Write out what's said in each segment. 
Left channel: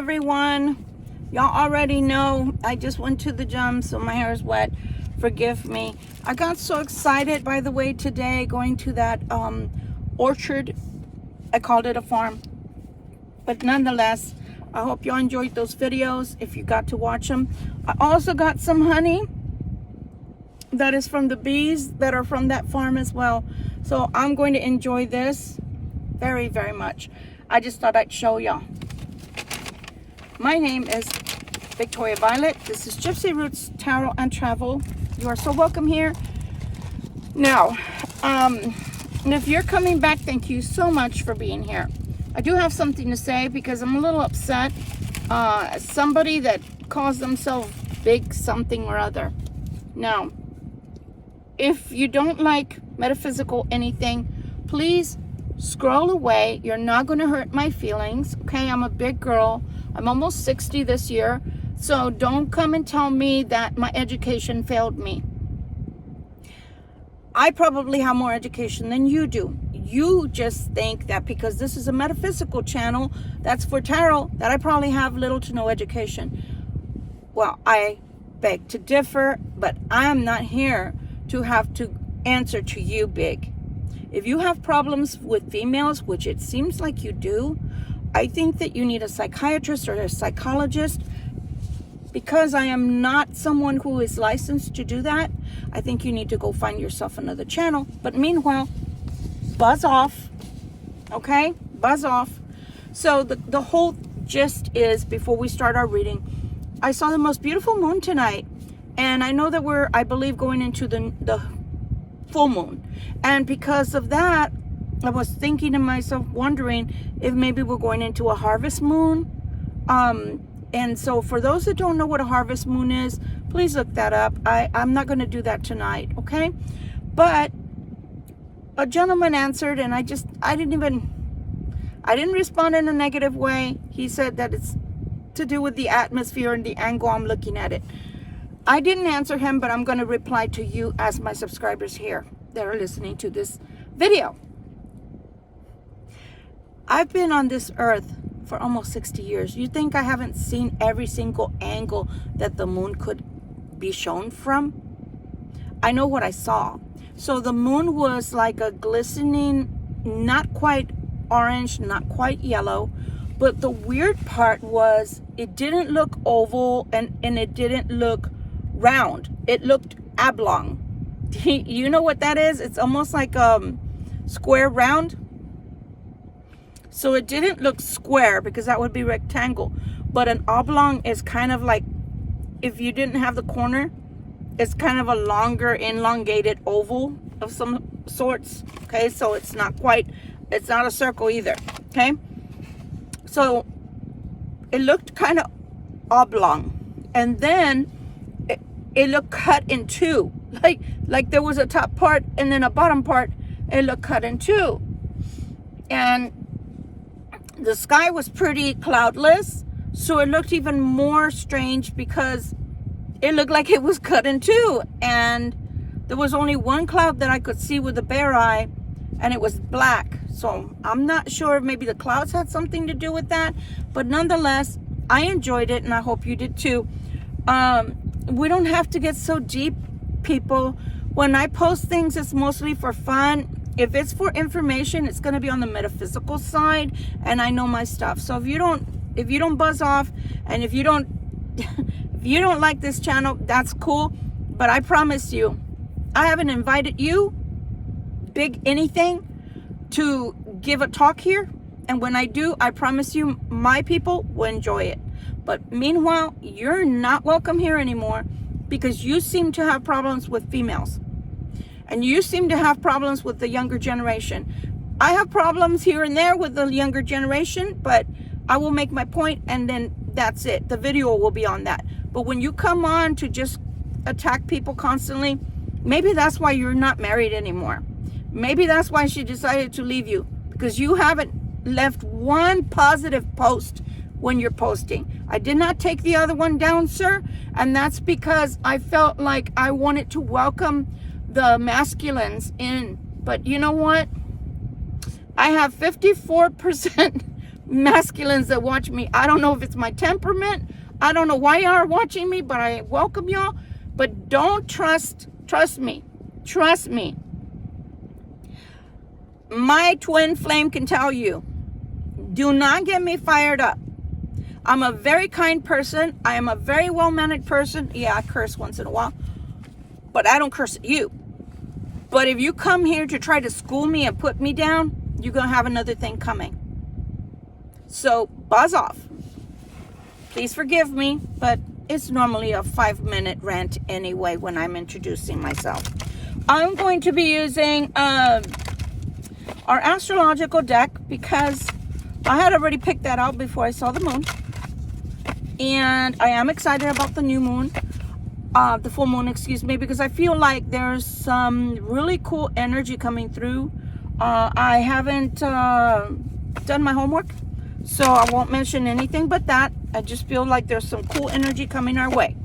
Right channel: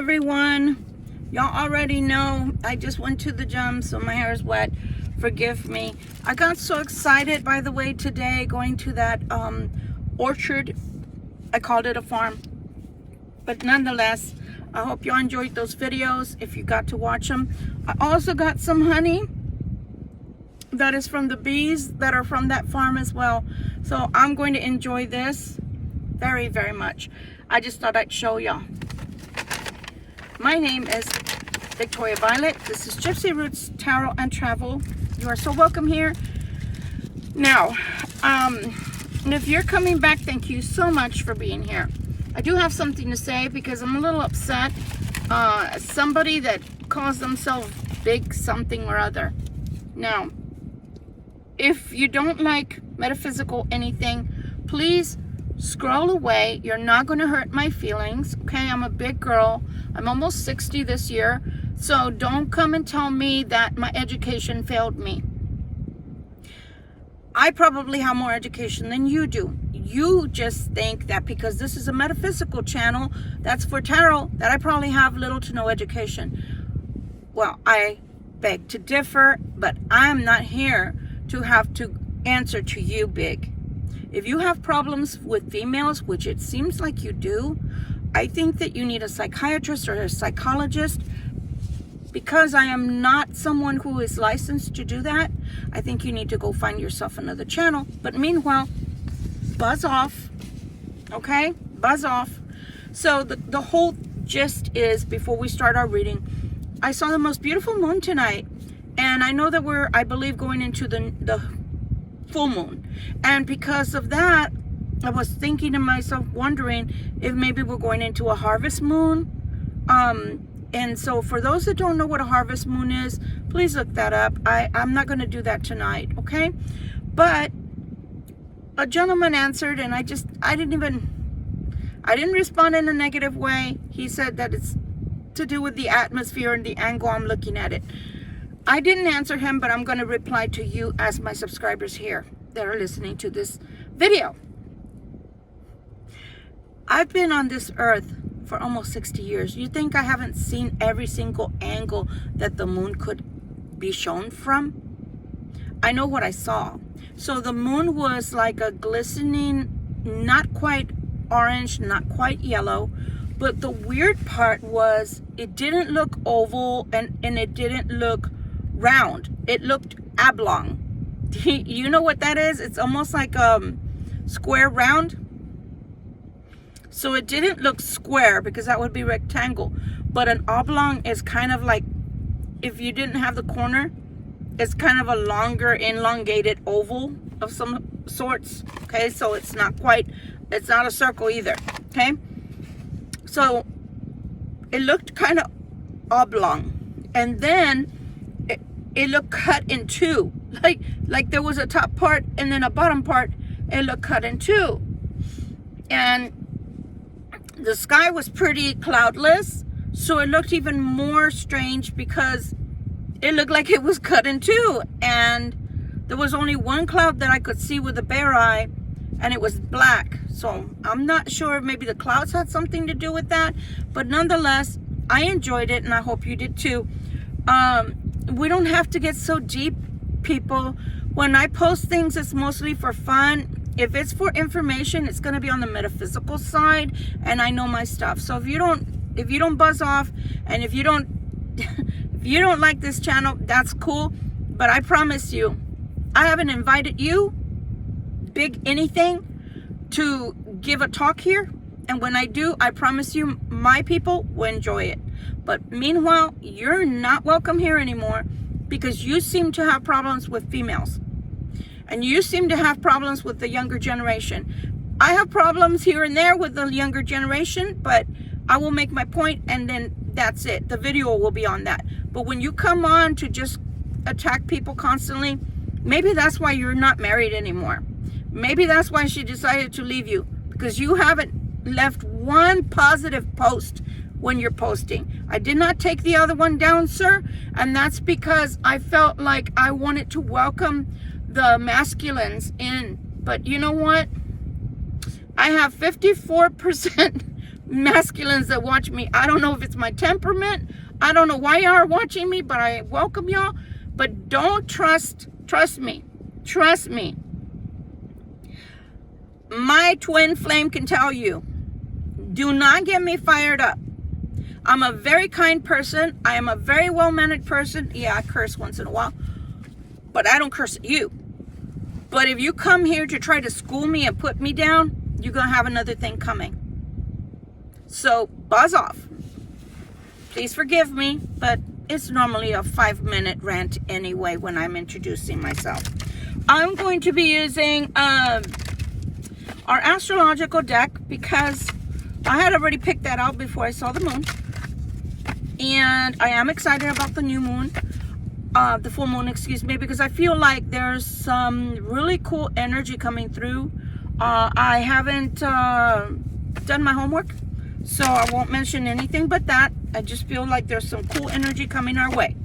everyone. Y'all already know I just went to the gym, so my hair is wet. Forgive me. I got so excited, by the way, today going to that orchard. I called it a farm, but nonetheless, I hope y'all enjoyed those videos if you got to watch them. I also got some honey that is from the bees that are from that farm as well, so I'm going to enjoy this very, very much. I just thought I'd show y'all. My name is Victoria Violet. This is Gypsy Roots Tarot and Travel. You are so welcome here. Now, and if you're coming back, thank you so much for being here. I do have something to say because I'm a little upset. Somebody that calls themselves Big Something or Other. Now, if you don't like metaphysical anything, please scroll away. You're not going to hurt my feelings, okay? I'm a big girl. I'm almost 60 this year, so don't come and tell me that my education failed me. I probably have more education than you do. You just think that because this is a metaphysical channel that's for tarot, that I probably have little to no education. Well, I beg to differ, but I'm not here to have to answer to you, Big. If you have problems with females, which it seems like you do, I think that you need a psychiatrist or a psychologist. Because I am not someone who is licensed to do that, I think you need to go find yourself another channel. But meanwhile, buzz off, okay? Buzz off. So the whole gist is, before we start our reading, I saw the most beautiful moon tonight. And I know that we're, I believe, going into the full moon. And because of that, I was thinking to myself, wondering if maybe we're going into a harvest moon. And so for those that don't know what a harvest moon is, please look that up. I'm not going to do that tonight, okay? But a gentleman answered, and I didn't respond in a negative way. He said that it's to do with the atmosphere and the angle I'm looking at it. I didn't answer him, but I'm going to reply to you as my subscribers here that are listening to this video. I've been on this earth for almost 60 years. You think I haven't seen every single angle that the moon could be shown from? I know what I saw. So the moon was like a glistening, not quite orange, not quite yellow, but the weird part was it didn't look oval and it didn't look round. It looked oblong. You know what that is? It's almost like square round. So it didn't look square because that would be rectangle. But an oblong is kind of like, if you didn't have the corner, it's kind of a longer elongated oval of some sorts. Okay, so it's not a circle either. Okay, so it looked kind of oblong. And then it looked cut in two. Like there was a top part and then a bottom part. It looked cut in two. And the sky was pretty cloudless, so it looked even more strange because it looked like it was cut in two, and there was only one cloud that I could see with a bare eye, and it was black. So I'm not sure if maybe the clouds had something to do with that, but nonetheless, I enjoyed it, and I hope you did too. We don't have to get so deep, people. When I post things, it's mostly for fun. If it's for information, it's going to be on the metaphysical side, and I know my stuff. So if you don't buzz off, and if you don't like this channel, that's cool. But I promise you, I haven't invited you, Big anything, to give a talk here. And when I do, I promise you, my people will enjoy it. But meanwhile, you're not welcome here anymore because you seem to have problems with females. And you seem to have problems with the younger generation. I have problems here and there with the younger generation, but I will make my point and then that's it. The video will be on that. But when you come on to just attack people constantly, maybe that's why you're not married anymore. Maybe that's why she decided to leave you, because you haven't left one positive post when you're posting. I did not take the other one down, sir, and that's because I felt like I wanted to welcome the masculines in. But you know what? I have 54% masculines that watch me. I don't know if it's my temperament. I don't know why y'all are watching me, but I welcome y'all. But don't trust me. Trust me. My twin flame can tell you, do not get me fired up. I'm a very kind person. I am a very well-mannered person. Yeah, I curse once in a while, but I don't curse at you. But if you come here to try to school me and put me down, you're going to have another thing coming. So buzz off. Please forgive me, but it's normally a 5-minute rant anyway when I'm introducing myself. I'm going to be using our astrological deck because I had already picked that out before I saw the moon. And I am excited about the new moon, the full moon, excuse me, because I feel like there's some really cool energy coming through. I haven't done my homework, so I won't mention anything but that. I just feel like there's some cool energy coming our way.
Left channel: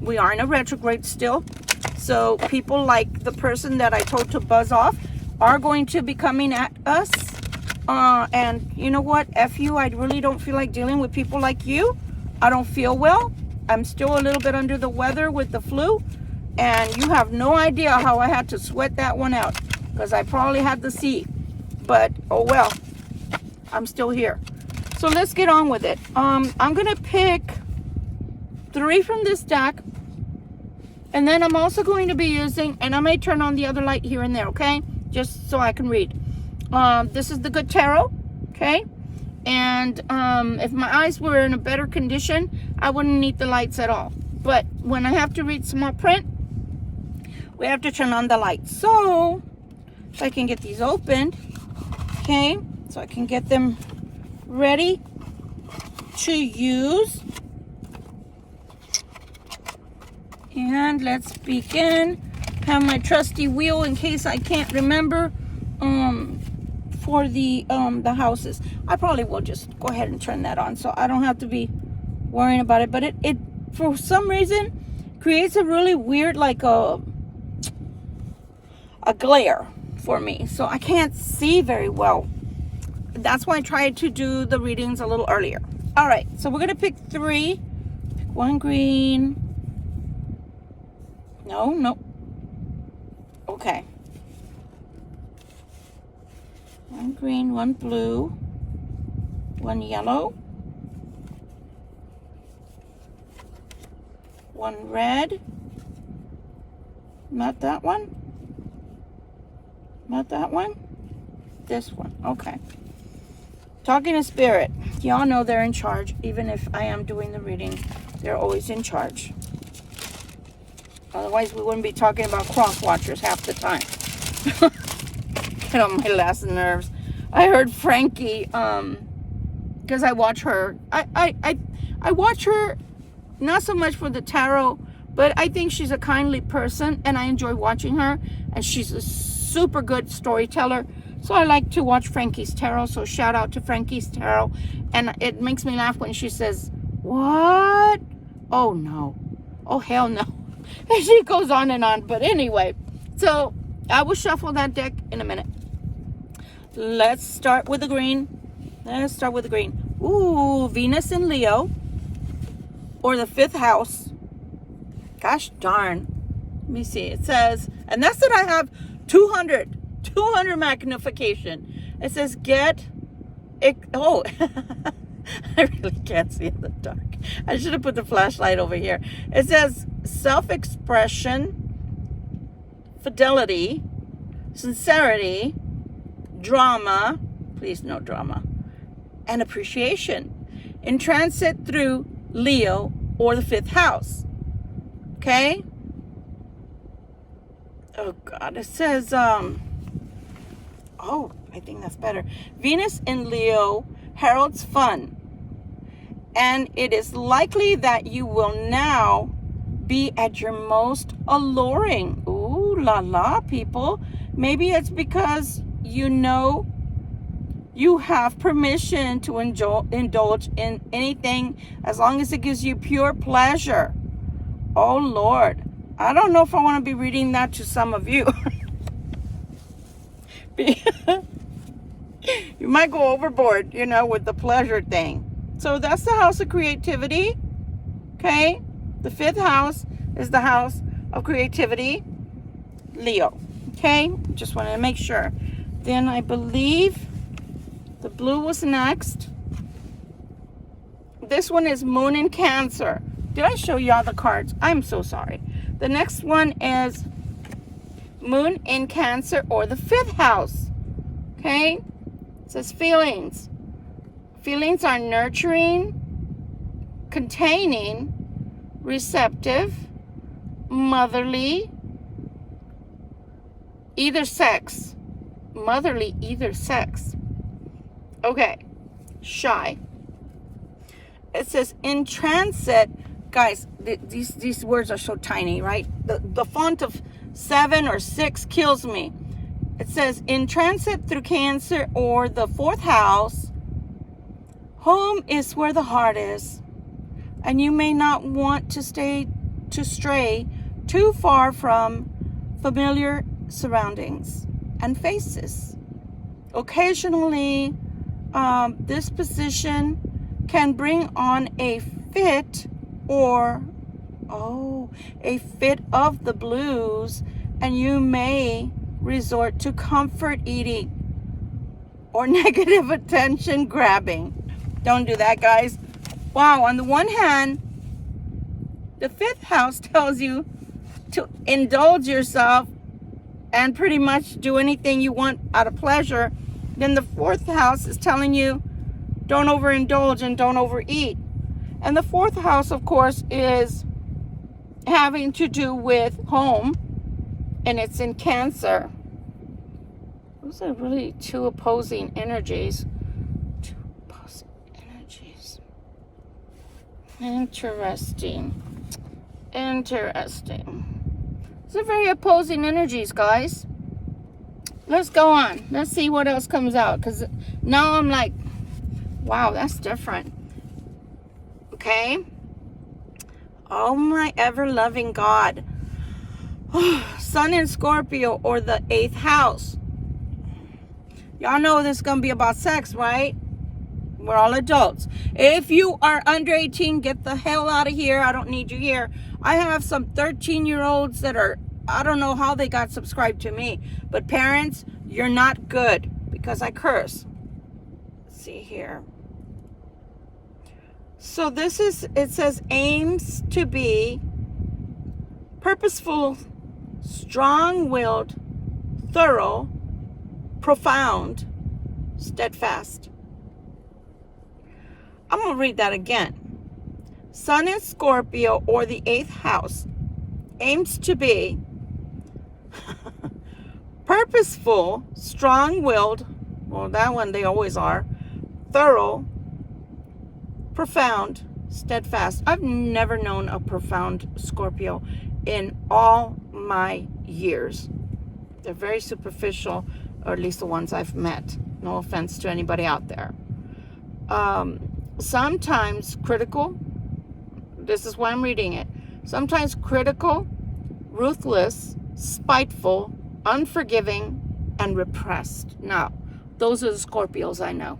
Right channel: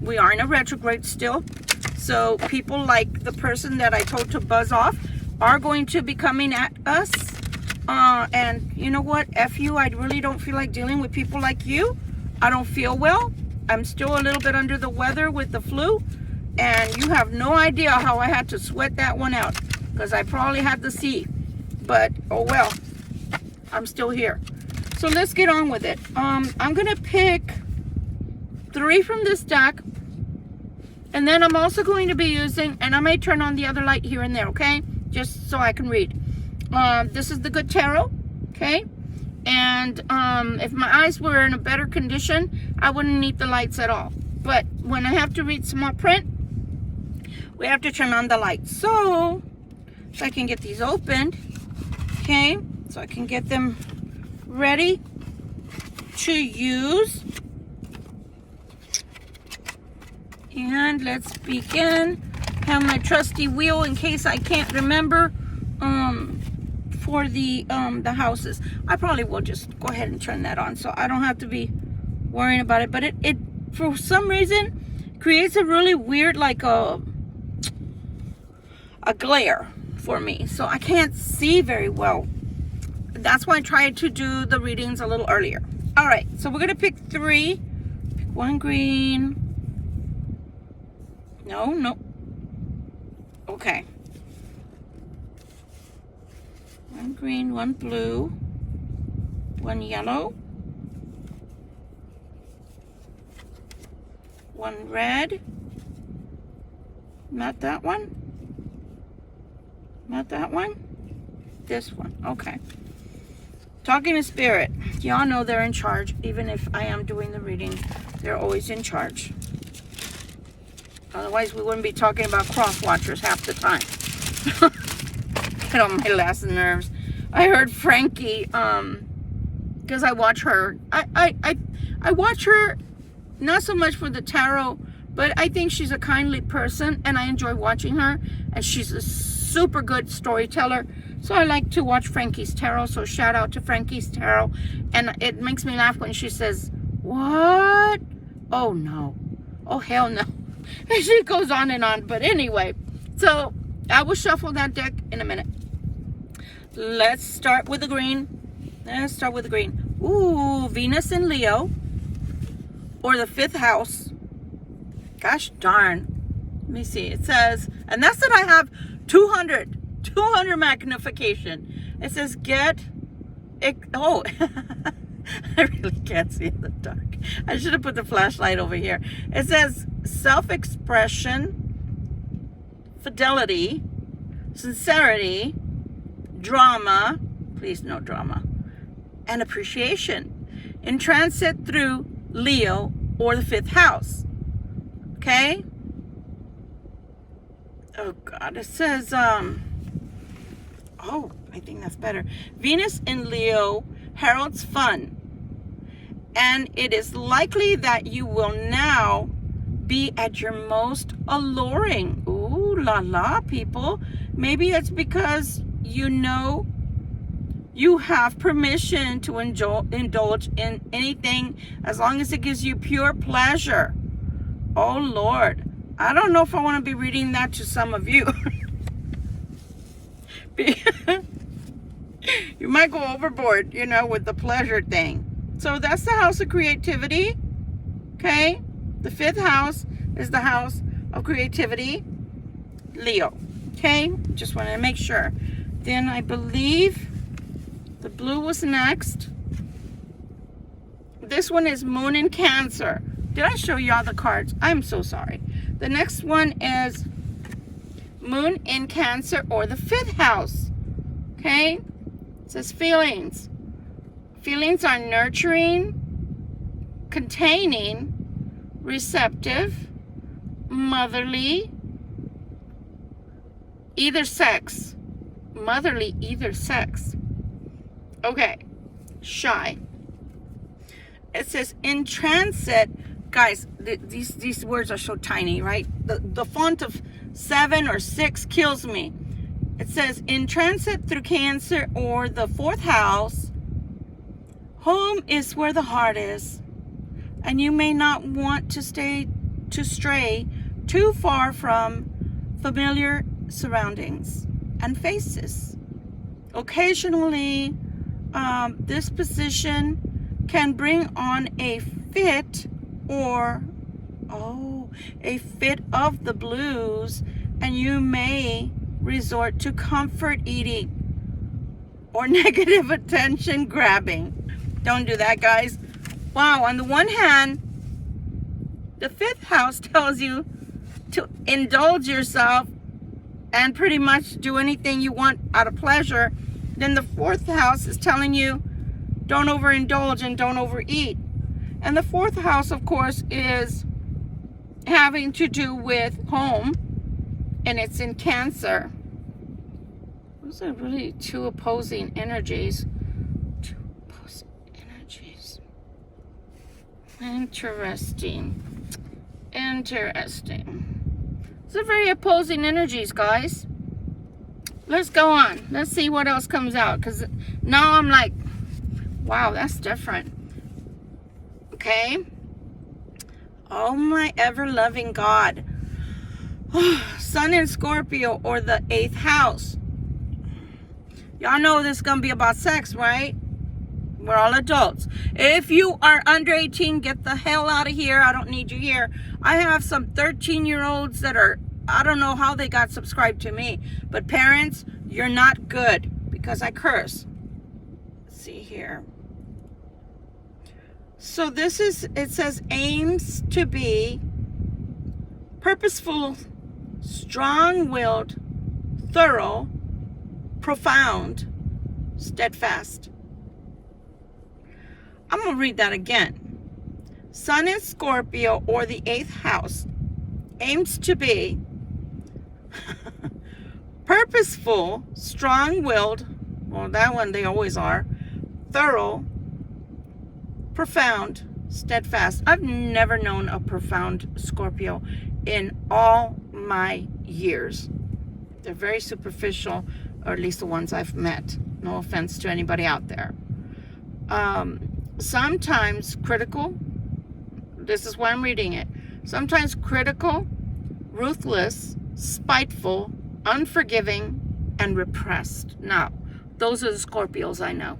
We are in a retrograde still, so people like the person that I told to buzz off are going to be coming at us. And you know what? F you, I really don't feel like dealing with people like you. I don't feel well. I'm still a little bit under the weather with the flu. And you have no idea how I had to sweat that one out. Because I probably had the C. But, oh well. I'm still here. So let's get on with it. I'm going to pick 3 from this deck. And then I'm also going to be using, and I may turn on the other light here and there, okay? Just so I can read. This is the Good Tarot, okay? And if my eyes were in a better condition, I wouldn't need the lights at all. But when I have to read small print, we have to turn on the lights. So I can get these opened, okay? So I can get them ready to use. And let's begin. Have my trusty wheel in case I can't remember for the houses. I probably will just go ahead and turn that on so I don't have to be worrying about it. But it for some reason creates a really weird, like a glare for me, so I can't see very well. That's why I tried to do the readings a little earlier. All right, so we're gonna pick 3. Pick 1 green. No. Okay. 1 green, 1 blue, 1 yellow, 1 red. Not that one. Not that one. This one. Okay. Talking to Spirit. Y'all know they're in charge. Even if I am doing the reading, they're always in charge. Otherwise, we wouldn't be talking about cross watchers half the time. Get on my last nerves. I heard Frankie, because I watch her. I watch her not so much for the tarot, but I think she's a kindly person, and I enjoy watching her. And she's a super good storyteller. So I like to watch Frankie's tarot. So shout out to Frankie's tarot. And it makes me laugh when she says, "What? Oh no. Oh hell no." And she goes on and on. But anyway, so I will shuffle that deck in a minute. Let's start with the green. Let's start with the green. Ooh, Venus in Leo. Or the 5th house. Gosh darn. Let me see. It says, and that's that I have 200 magnification. It says get it. Oh, I really can't see in the dark. I should have put the flashlight over here. It says self-expression, fidelity, sincerity, drama, please no drama, and appreciation in transit through Leo or the 5th house. Okay? Oh God, it says oh, I think that's better. Venus in Leo heralds fun, and it is likely that you will now be at your most alluring. Ooh la la, people. Maybe it's because you know you have permission to indulge in anything as long as it gives you pure pleasure. Oh Lord, I don't know if I want to be reading that to some of you. You might go overboard, you know, with the pleasure thing. So that's the house of creativity. Okay? The 5th house is the house of creativity. Leo. Okay? Just wanted to make sure. Then I believe the blue was next. This one is Moon in Cancer. Did I show you all the cards? I'm so sorry. The next one is Moon in Cancer, or the 5th house. Okay? It says feelings. Feelings are nurturing, containing, receptive, motherly, either sex. Motherly, either sex. Okay. Shy. It says in transit. Guys, these words are so tiny, right? The font of 7 or 6 kills me. It says in transit through Cancer, or the 4th house. Home is where the heart is, and you may not want to stray too far from familiar surroundings and faces. Occasionally, this position can bring on a fit a fit of the blues, and you may resort to comfort eating or negative attention grabbing. Don't do that, guys. Wow, on the one hand, the 5th house tells you to indulge yourself and pretty much do anything you want out of pleasure. Then the 4th house is telling you don't overindulge and don't overeat. And the 4th house, of course, is having to do with home, and it's in Cancer. Those are really two opposing energies. Two opposing energies. Interesting. These are very opposing energies, guys. Let's go on. Let's see what else comes out, because now I'm like, wow, that's different. Okay. Oh my ever-loving God. Sun in Scorpio, or the 8th house. Y'all know this is going to be about sex, right? We're all adults. If you are under 18, get the hell out of here. I don't need you here. I have some 13-year-olds that are, I don't know how they got subscribed to me. But parents, you're not good, because I curse. Let's see here. So this is, it says aims to be purposeful, strong-willed, thorough, profound, steadfast. I'm going to read that again. Sun in Scorpio, or the 8th house, aims to be purposeful, strong-willed, well, that one they always are, thorough, profound, steadfast. I've never known a profound Scorpio in all my years. They're very superficial, or at least the ones I've met. No offense to anybody out there. Sometimes critical. This is why I'm reading it. Sometimes critical, ruthless, spiteful, unforgiving, and repressed. Now, those are the Scorpios I know.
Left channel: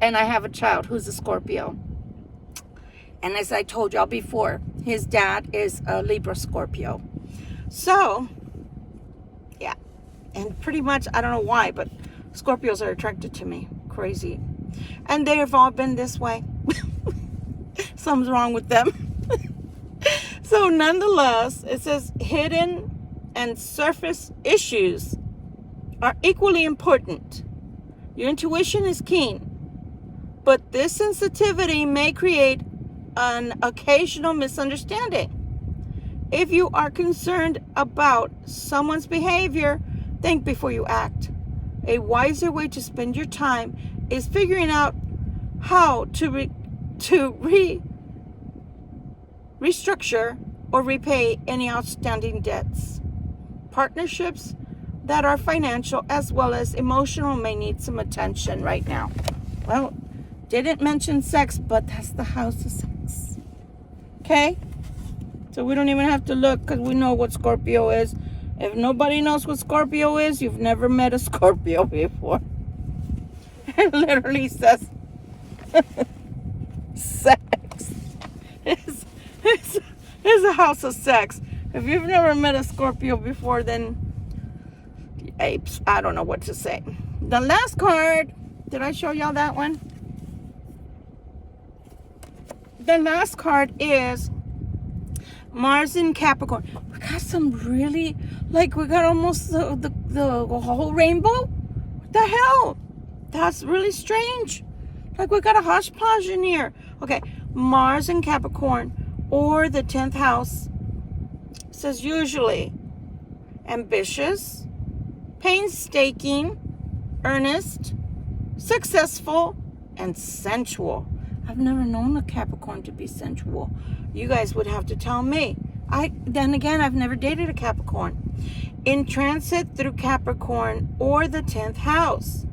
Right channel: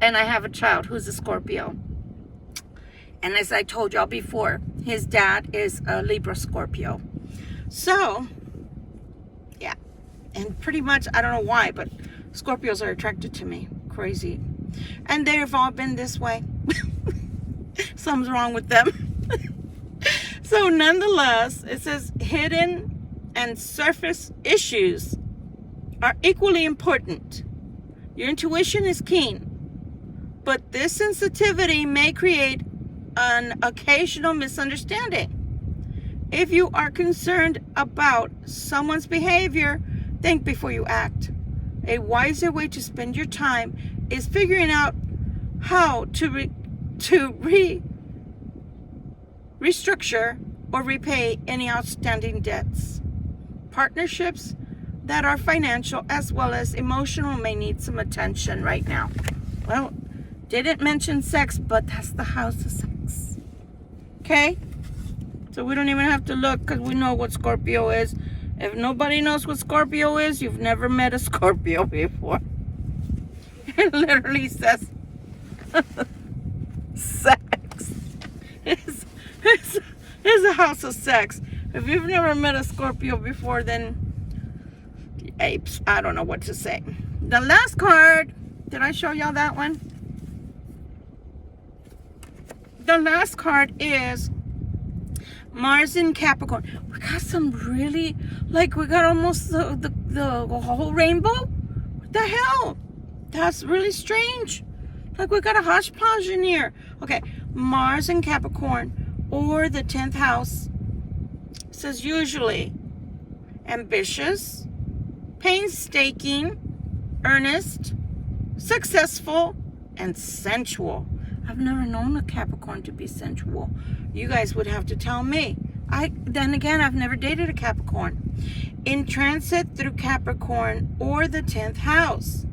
And I have a child who's a Scorpio. And as I told y'all before, his dad is a Libra Scorpio. So, yeah. And pretty much, I don't know why, but Scorpios are attracted to me. Crazy. And they've all been this way. Something's wrong with them. So, nonetheless, it says hidden and surface issues are equally important. Your intuition is keen, but this sensitivity may create an occasional misunderstanding. If you are concerned about someone's behavior, think before you act. A wiser way to spend your time is figuring out how to restructure or repay any outstanding debts. Partnerships that are financial as well as emotional may need some attention right now. Well, didn't mention sex, but that's the house of sex. Okay? So we don't even have to look, because we know what Scorpio is. If nobody knows what Scorpio is, you've never met a Scorpio before. It literally says sex. It's a house of sex. If you've never met a Scorpio before, then apes, I don't know what to say. The last card, did I show y'all that one? The last card is Mars in Capricorn. We got some really, like, we got almost the whole rainbow. What the hell? That's really strange. Like, we got a hodgepodge in here. Okay, Mars in Capricorn, or the 10th house, says usually ambitious, painstaking, earnest, successful, and sensual. I've never known a Capricorn to be sensual. You guys would have to tell me. Then again, I've never dated a Capricorn. In transit through Capricorn or the 10th house.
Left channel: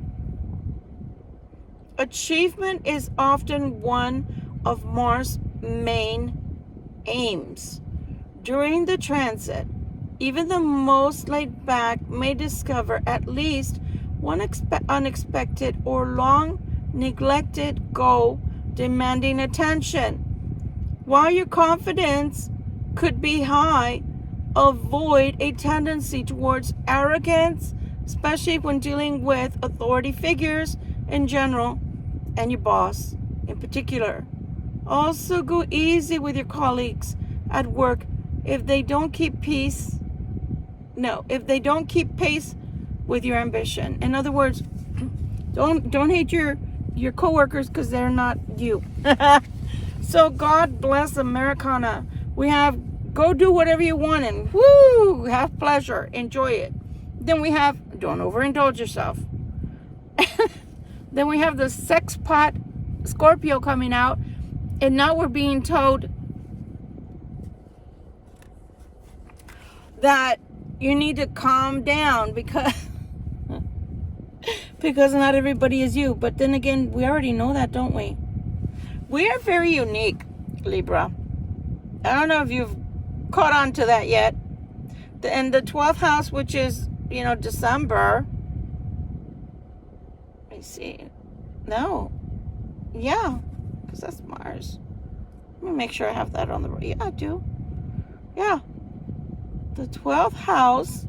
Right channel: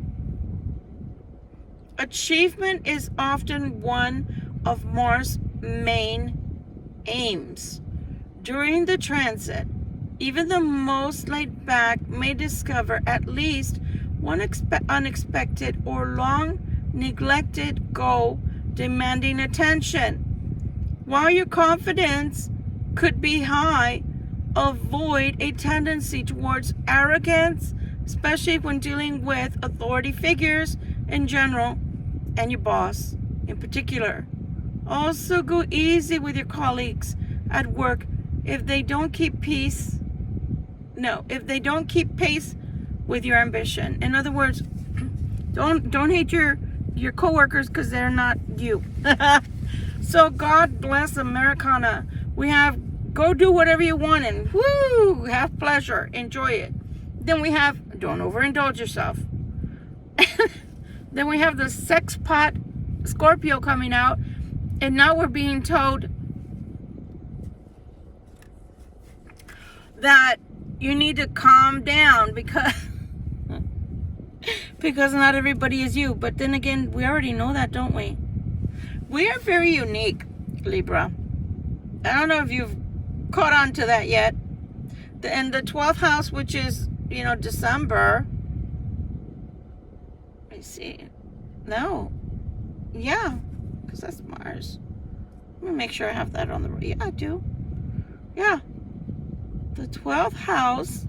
Achievement is often one of Mars' main aims. During the transit, even the most laid back may discover at least one unexpected or long neglected goal demanding attention. While your confidence could be high, avoid a tendency towards arrogance, especially when dealing with authority figures in general and your boss in particular. Also, go easy with your colleagues at work if they don't keep pace with your ambition. In other words, don't hate your coworkers because they're not you. So God bless Americana. We have go do whatever you want and woo, have pleasure, enjoy it. Then we have don't overindulge yourself. Then we have the sex pot Scorpio coming out, and now we're being told that you need to calm down because not everybody is you. But then again, we already know that, don't we? We are very unique, Libra. I don't know if you've caught on to that yet. And the 12th house, which is, December. Let me see. No. Yeah, because that's Mars. Let me make sure I have that on the right. Yeah, I do. Yeah. The 12th house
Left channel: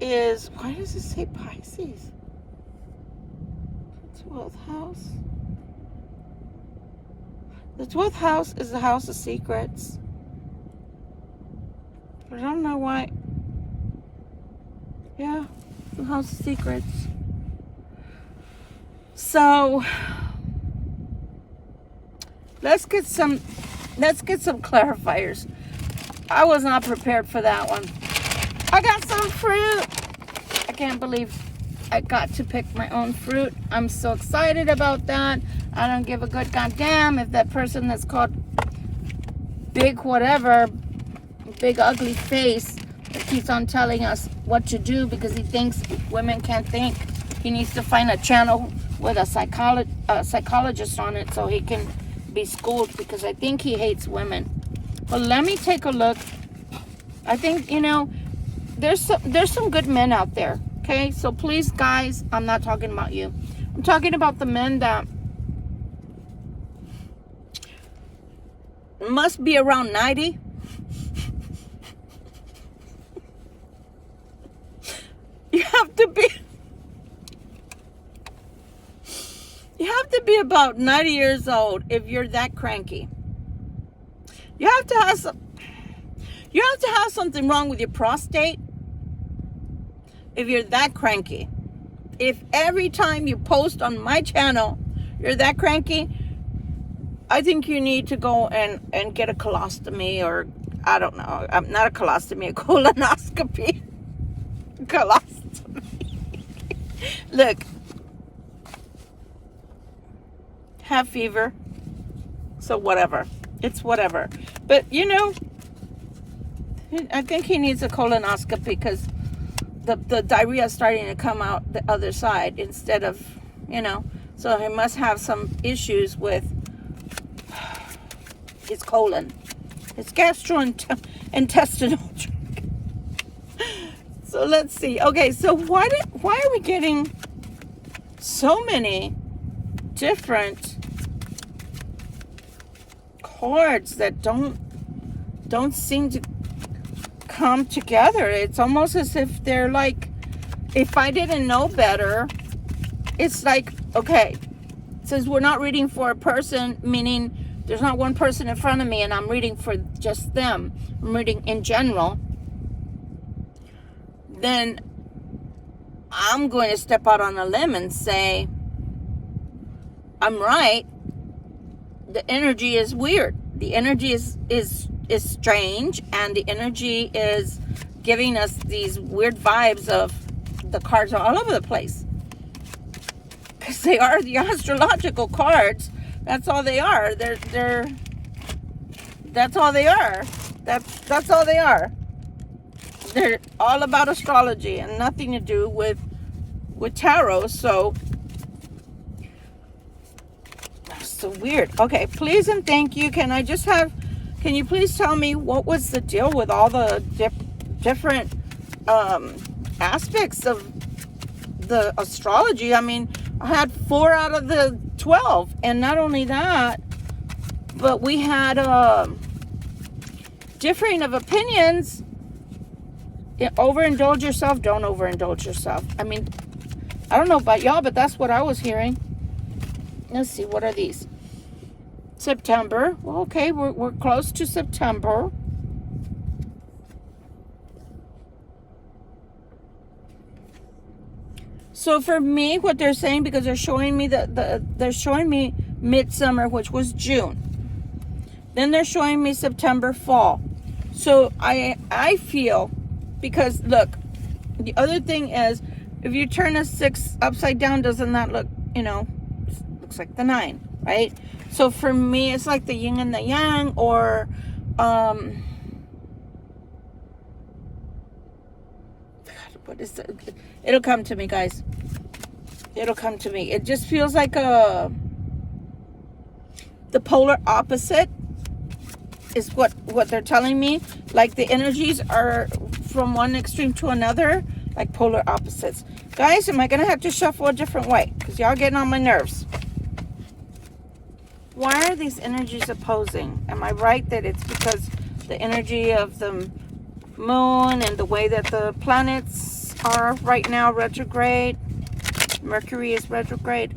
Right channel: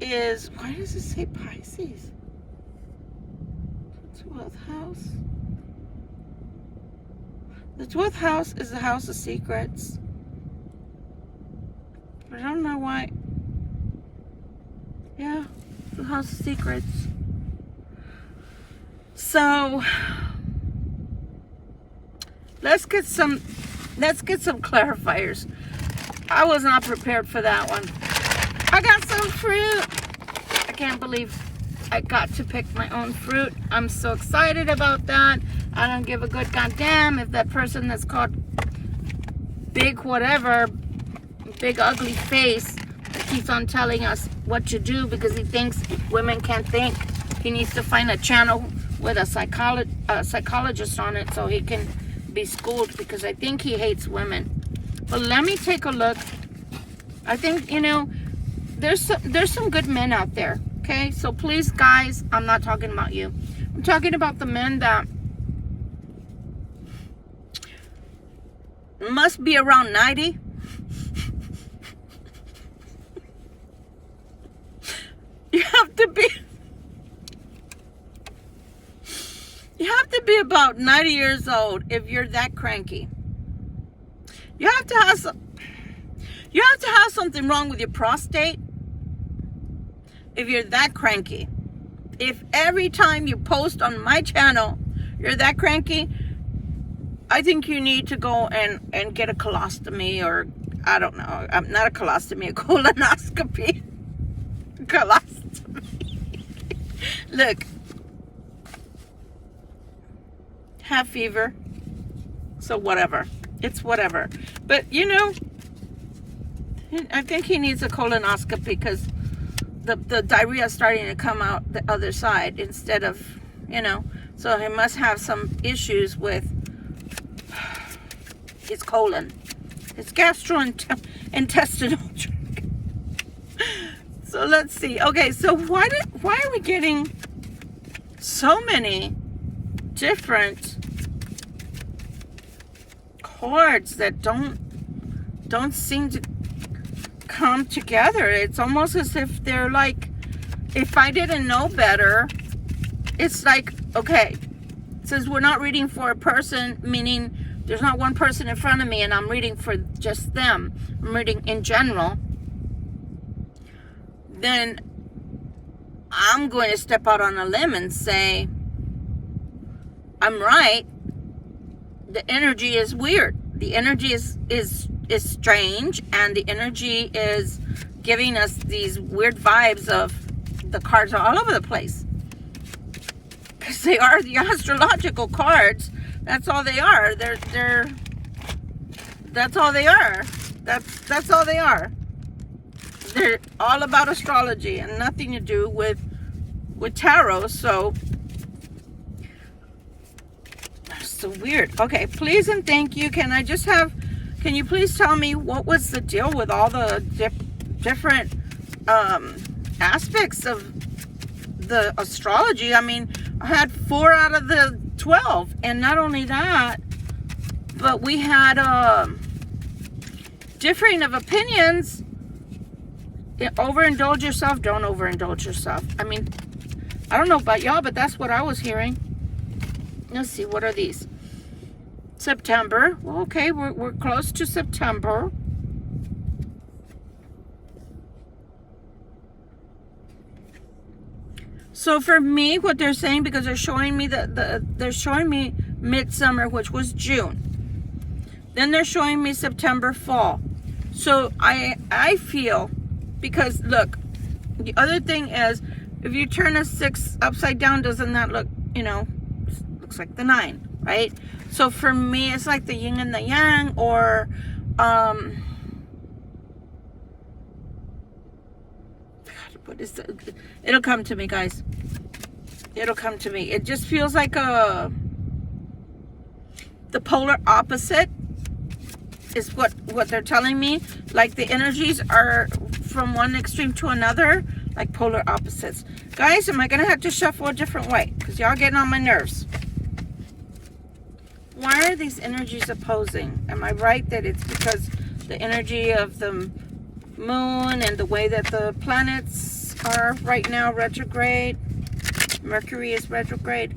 is, why does it say Pisces? The 12th house. The 12th house is the house of secrets. But I don't know why. Yeah, the house of secrets. So let's get some clarifiers. I was not prepared for that one. I got some fruit. I can't believe I got to pick my own fruit. I'm so excited about that. I don't give a good goddamn if that person that's called big whatever, big ugly face, that keeps on telling us what to do because he thinks women can't think. He needs to find a channel with a psychologist on it so he can be schooled, because I think he hates women. But let me take a look. I think, there's some good men out there. Okay, so please, guys, I'm not talking about you. I'm talking about the men that must be around 90. You have to be about 90 years old if you're that cranky. You have to have something wrong with your prostate if you're that cranky. If every time you post on my channel you're that cranky, I think you need to go and get a colostomy, or I don't know, not a colostomy, a colonoscopy. Colostomy. Look, have fever, so whatever. It's whatever. But I think he needs a colonoscopy because the diarrhea is starting to come out the other side instead of, so he must have some issues with his colon, his gastrointestinal tract. So let's see. Okay, so why are we getting so many different cards that don't seem to come together. It's almost as if they're like, if I didn't know better, it's like, okay, since we're not reading for a person, meaning there's not one person in front of me and I'm reading for just them, I'm reading in general, then I'm going to step out on a limb and say, I'm right. The energy is weird. The energy is strange, and the energy is giving us these weird vibes of the cards are all over the place. Because they are the astrological cards. That's all they are. That's all they are. That's all they are. They're all about astrology and nothing to do with tarot. So weird. Okay, please and thank you. Can you please tell me what was the deal with all the different aspects of the astrology? I mean, I had 4 out of the 12, and not only that, but we had differing of opinions. Overindulge yourself, don't overindulge yourself. I mean, I don't know about y'all, but that's what I was hearing. Let's see, what are these? September. Well, okay, we're close to September. So for me, what they're saying, because they're showing me they're showing me midsummer, which was June. Then they're showing me September, fall. So I feel, because look, the other thing is, if you turn a 6 upside down, doesn't that look, looks like the 9, right? So for me, it's like the yin and the yang, or what is it? It'll come to me, guys. It'll come to me. It just feels like the polar opposite is what they're telling me. Like the energies are from one extreme to another, like polar opposites. Guys, am I gonna have to shuffle a different way? Because y'all getting on my nerves. Why are these energies opposing? Am I right that it's because the energy of the moon and the way that the planets are right now retrograde? Mercury is retrograde.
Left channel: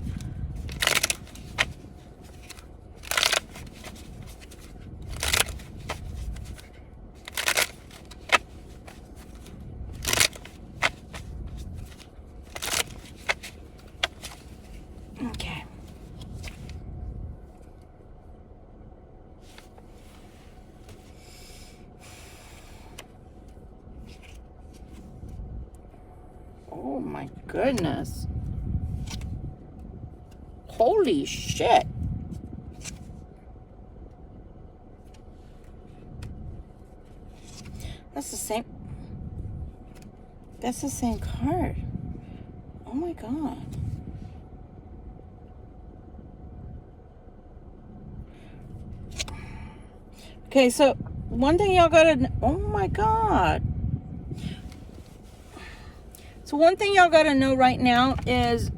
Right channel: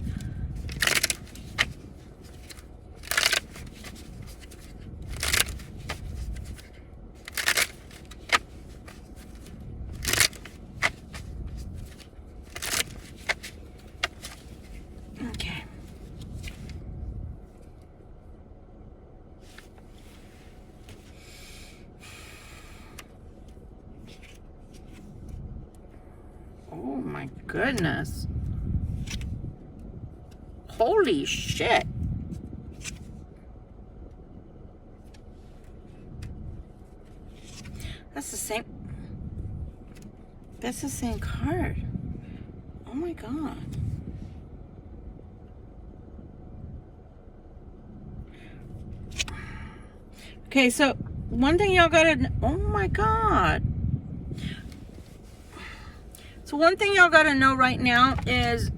Okay. Oh my goodness. Holy shit. That's the same card. Oh my god. Okay, so one thing y'all gotta, oh my god. So one thing y'all gotta know right now is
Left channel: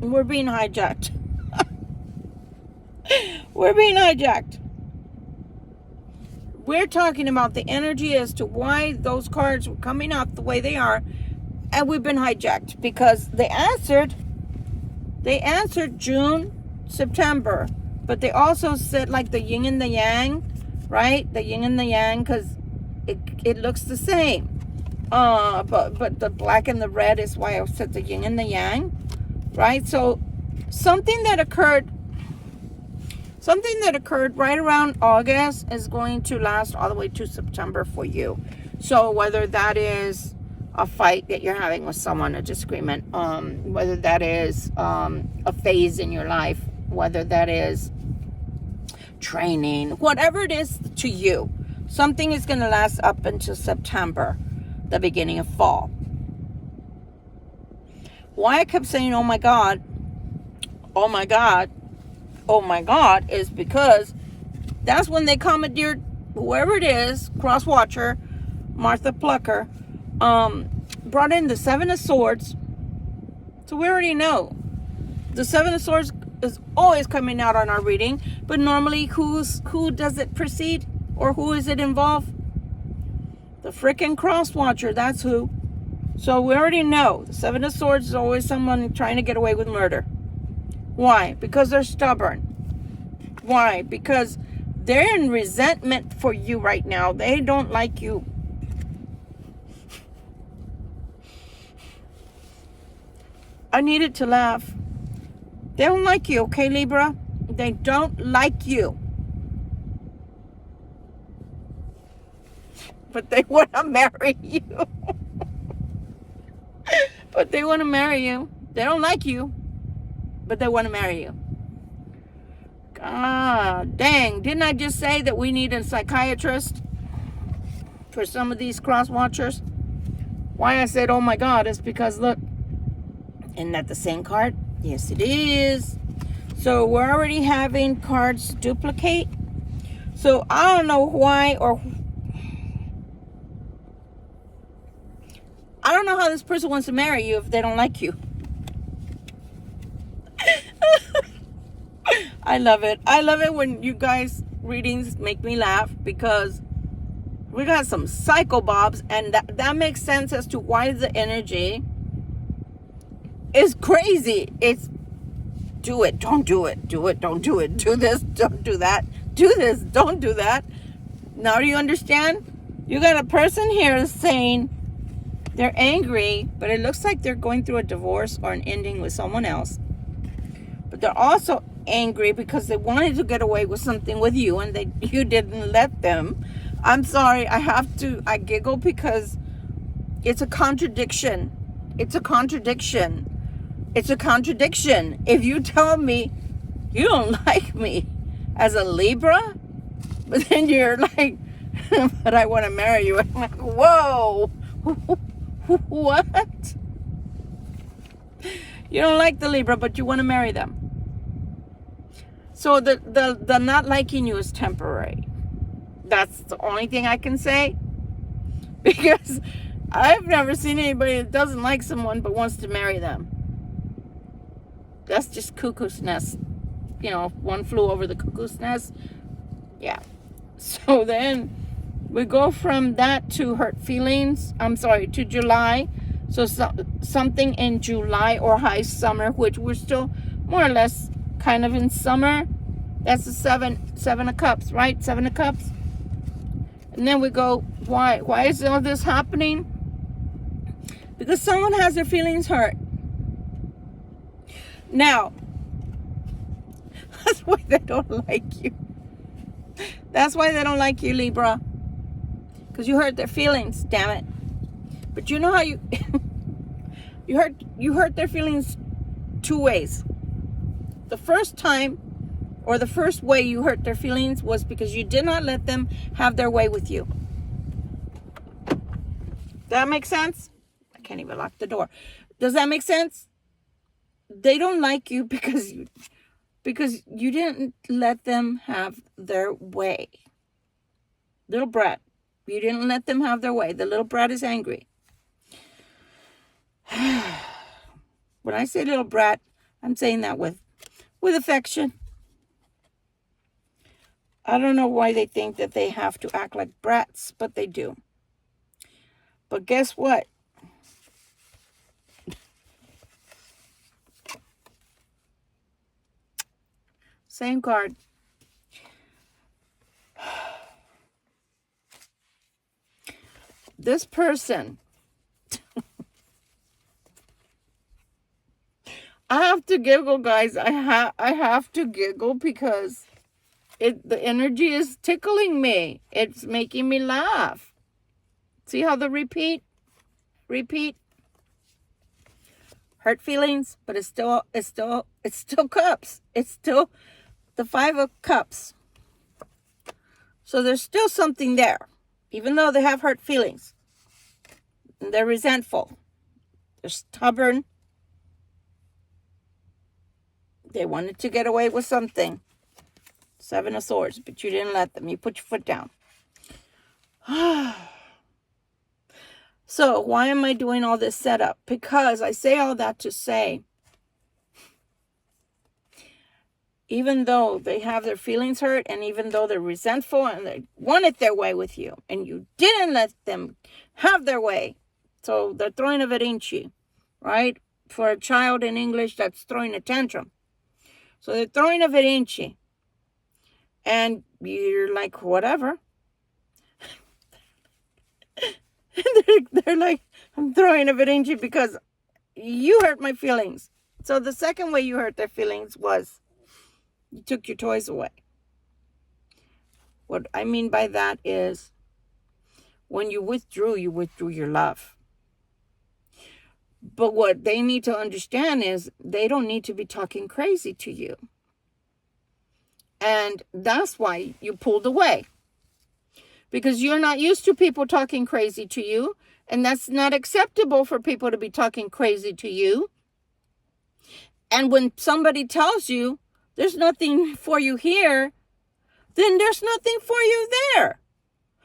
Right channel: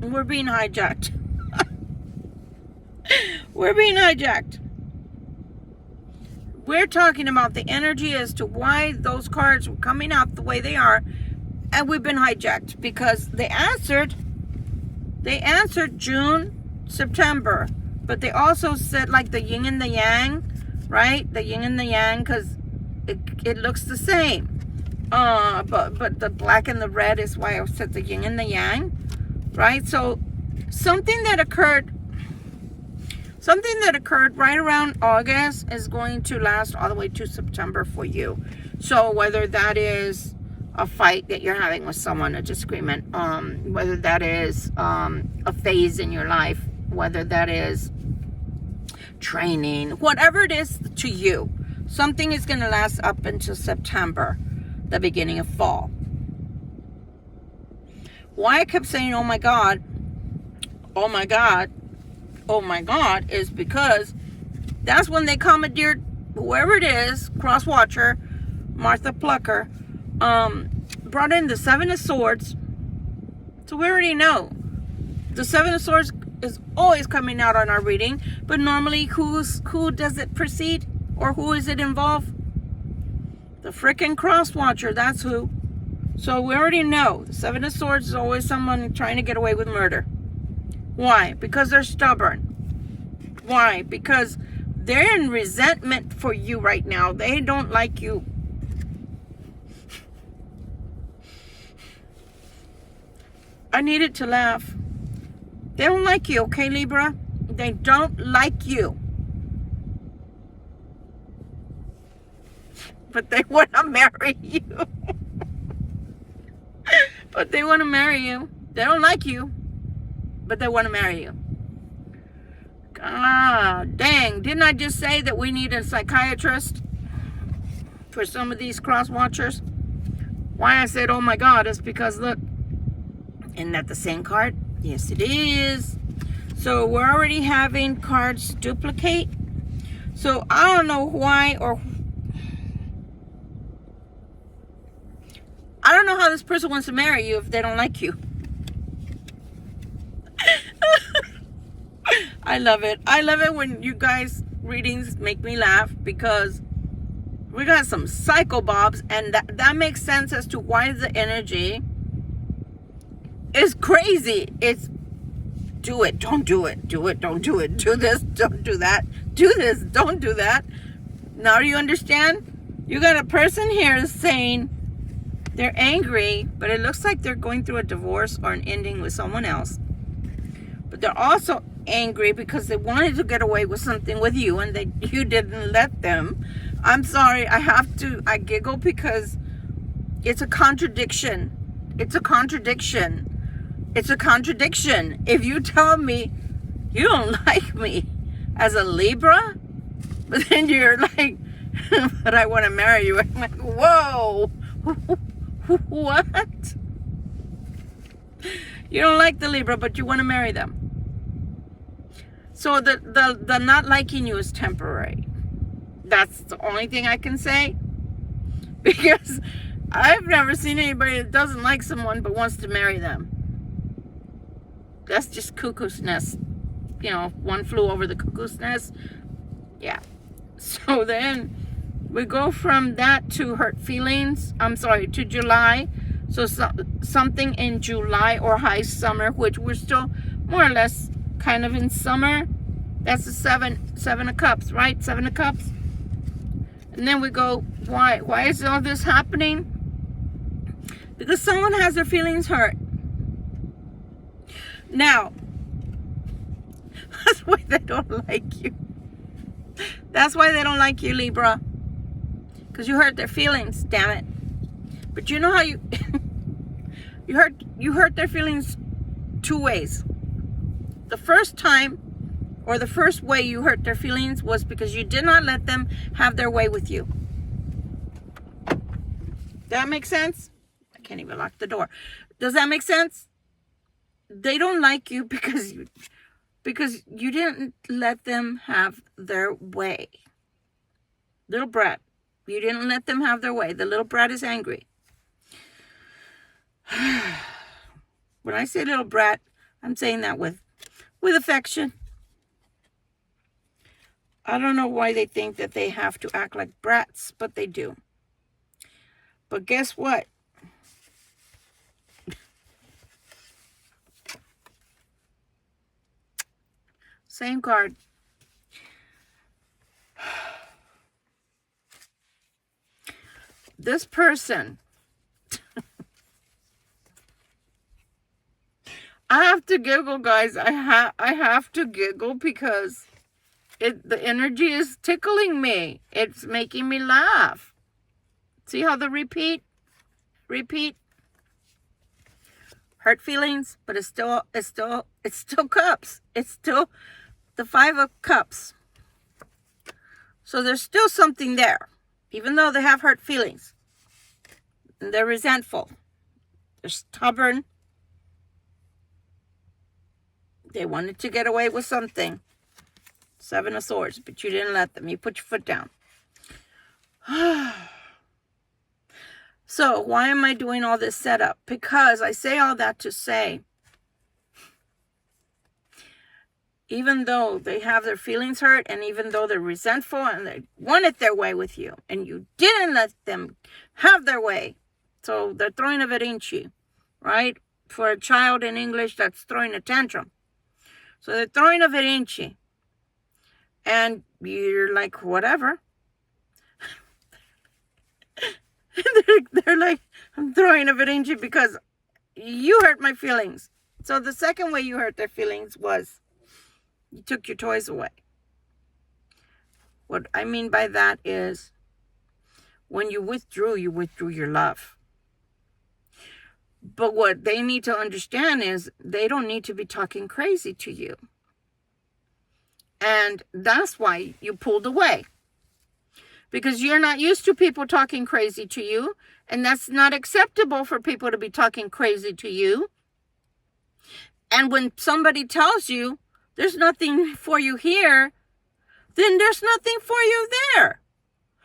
we're being hijacked. We're being hijacked. We're talking about the energy as to why those cards were coming out the way they are, and we've been hijacked because they answered June, September, but they also said like the yin and the yang, right? The yin and the yang, because it looks the same. But the black and the red is why I said the yin and the yang, right? So something that occurred right around August is going to last all the way to September for you. So whether that is a fight that you're having with someone, a disagreement, whether that is a phase in your life, whether that is training, whatever it is to you, something is going to last up until September, the beginning of fall. Why I kept saying, oh my God, oh my God, oh my God, is because that's when they commandeered whoever it is, cross watcher, Martha Plucker, brought in the 7 of Swords. So we already know The Seven of Swords is always coming out on our reading, but normally who does it precede, or who is it involve? The frickin' cross watcher, that's who. So we already know the Seven of Swords is always someone trying to get away with murder. Why? Because they're stubborn. Why? Because they're in resentment for you right now. They don't like you. I needed to laugh. They don't like you, okay, Libra? They don't like you. But they want to marry you. But they want to marry you. They don't like you, but they want to marry you. Ah, dang. Didn't I just say that we need a psychiatrist for some of these cross watchers? Why I said, oh my God, is because, look, isn't that the same card? Yes, it is. So we're already having cards duplicate. So I don't know why, or I don't know how this person wants to marry you if they don't like you. I love it. I love it when you guys readings make me laugh, because we got some psycho bobs, and that makes sense as to why the energy is crazy. It's do it, don't do it, do it, don't do it, do this, don't do that, do this, don't do that. Now do you understand? You got a person here saying they're angry, but it looks like they're going through a divorce or an ending with someone else. But they're also angry because they wanted to get away with something with you, and you didn't let them. I'm sorry, I giggle because it's a contradiction. It's a contradiction. It's a contradiction. If you tell me you don't like me as a Libra, but then you're like, but I want to marry you. I'm like, whoa, what? You don't like the Libra, but you want to marry them. So the not liking you is temporary. That's the only thing I can say. Because I've never seen anybody that doesn't like someone but wants to marry them. That's just cuckoo's nest. You know, one flew over the cuckoo's nest. Yeah. So then we go from that to hurt feelings. I'm sorry, to July. So something in July or high summer, which we're still more or less kind of in summer. That's the seven of cups, right? Seven of cups. And then we go, why is all this happening? Because someone has their feelings hurt. Now, that's why they don't like you. That's why they don't like you, Libra. Because you hurt their feelings, damn it. But you know how you you hurt their feelings two ways. The first time, or the first way you hurt their feelings, was because you did not let them have their way with you. Does that make sense? I can't even lock the door. Does that make sense? They don't like you because you didn't let them have their way. Little brat. You didn't let them have their way. The little brat is angry. When I say little brat, I'm saying that with affection. I don't know why they think that they have to act like brats, but they do. But guess what? Same card. This person, I have to giggle, guys. I have to giggle because the energy is tickling me. It's making me laugh. See how the repeat, hurt feelings, but it's still cups. It's still the 5 of cups. So there's still something there, even though they have hurt feelings. And they're resentful. They're stubborn. They wanted to get away with something. 7 of Swords, but you didn't let them. You put your foot down. So why am I doing all this setup? Because I say all that to say even though they have their feelings hurt, and even though they're resentful and they want it their way with you, and you didn't let them have their way. So they're throwing a berrinche, right? For a child in English, that's throwing a tantrum. So they're throwing a berrinche. And you're like, whatever. they're like, I'm throwing a berrinche because you hurt my feelings. So the second way you hurt their feelings was you took your toys away. What I mean by that is when you withdrew your love. But what they need to understand is they don't need to be talking crazy to you. And that's why you pulled away. Because you're not used to people talking crazy to you. And that's not acceptable for people to be talking crazy to you. And when somebody tells you there's nothing for you here, then there's nothing for you there.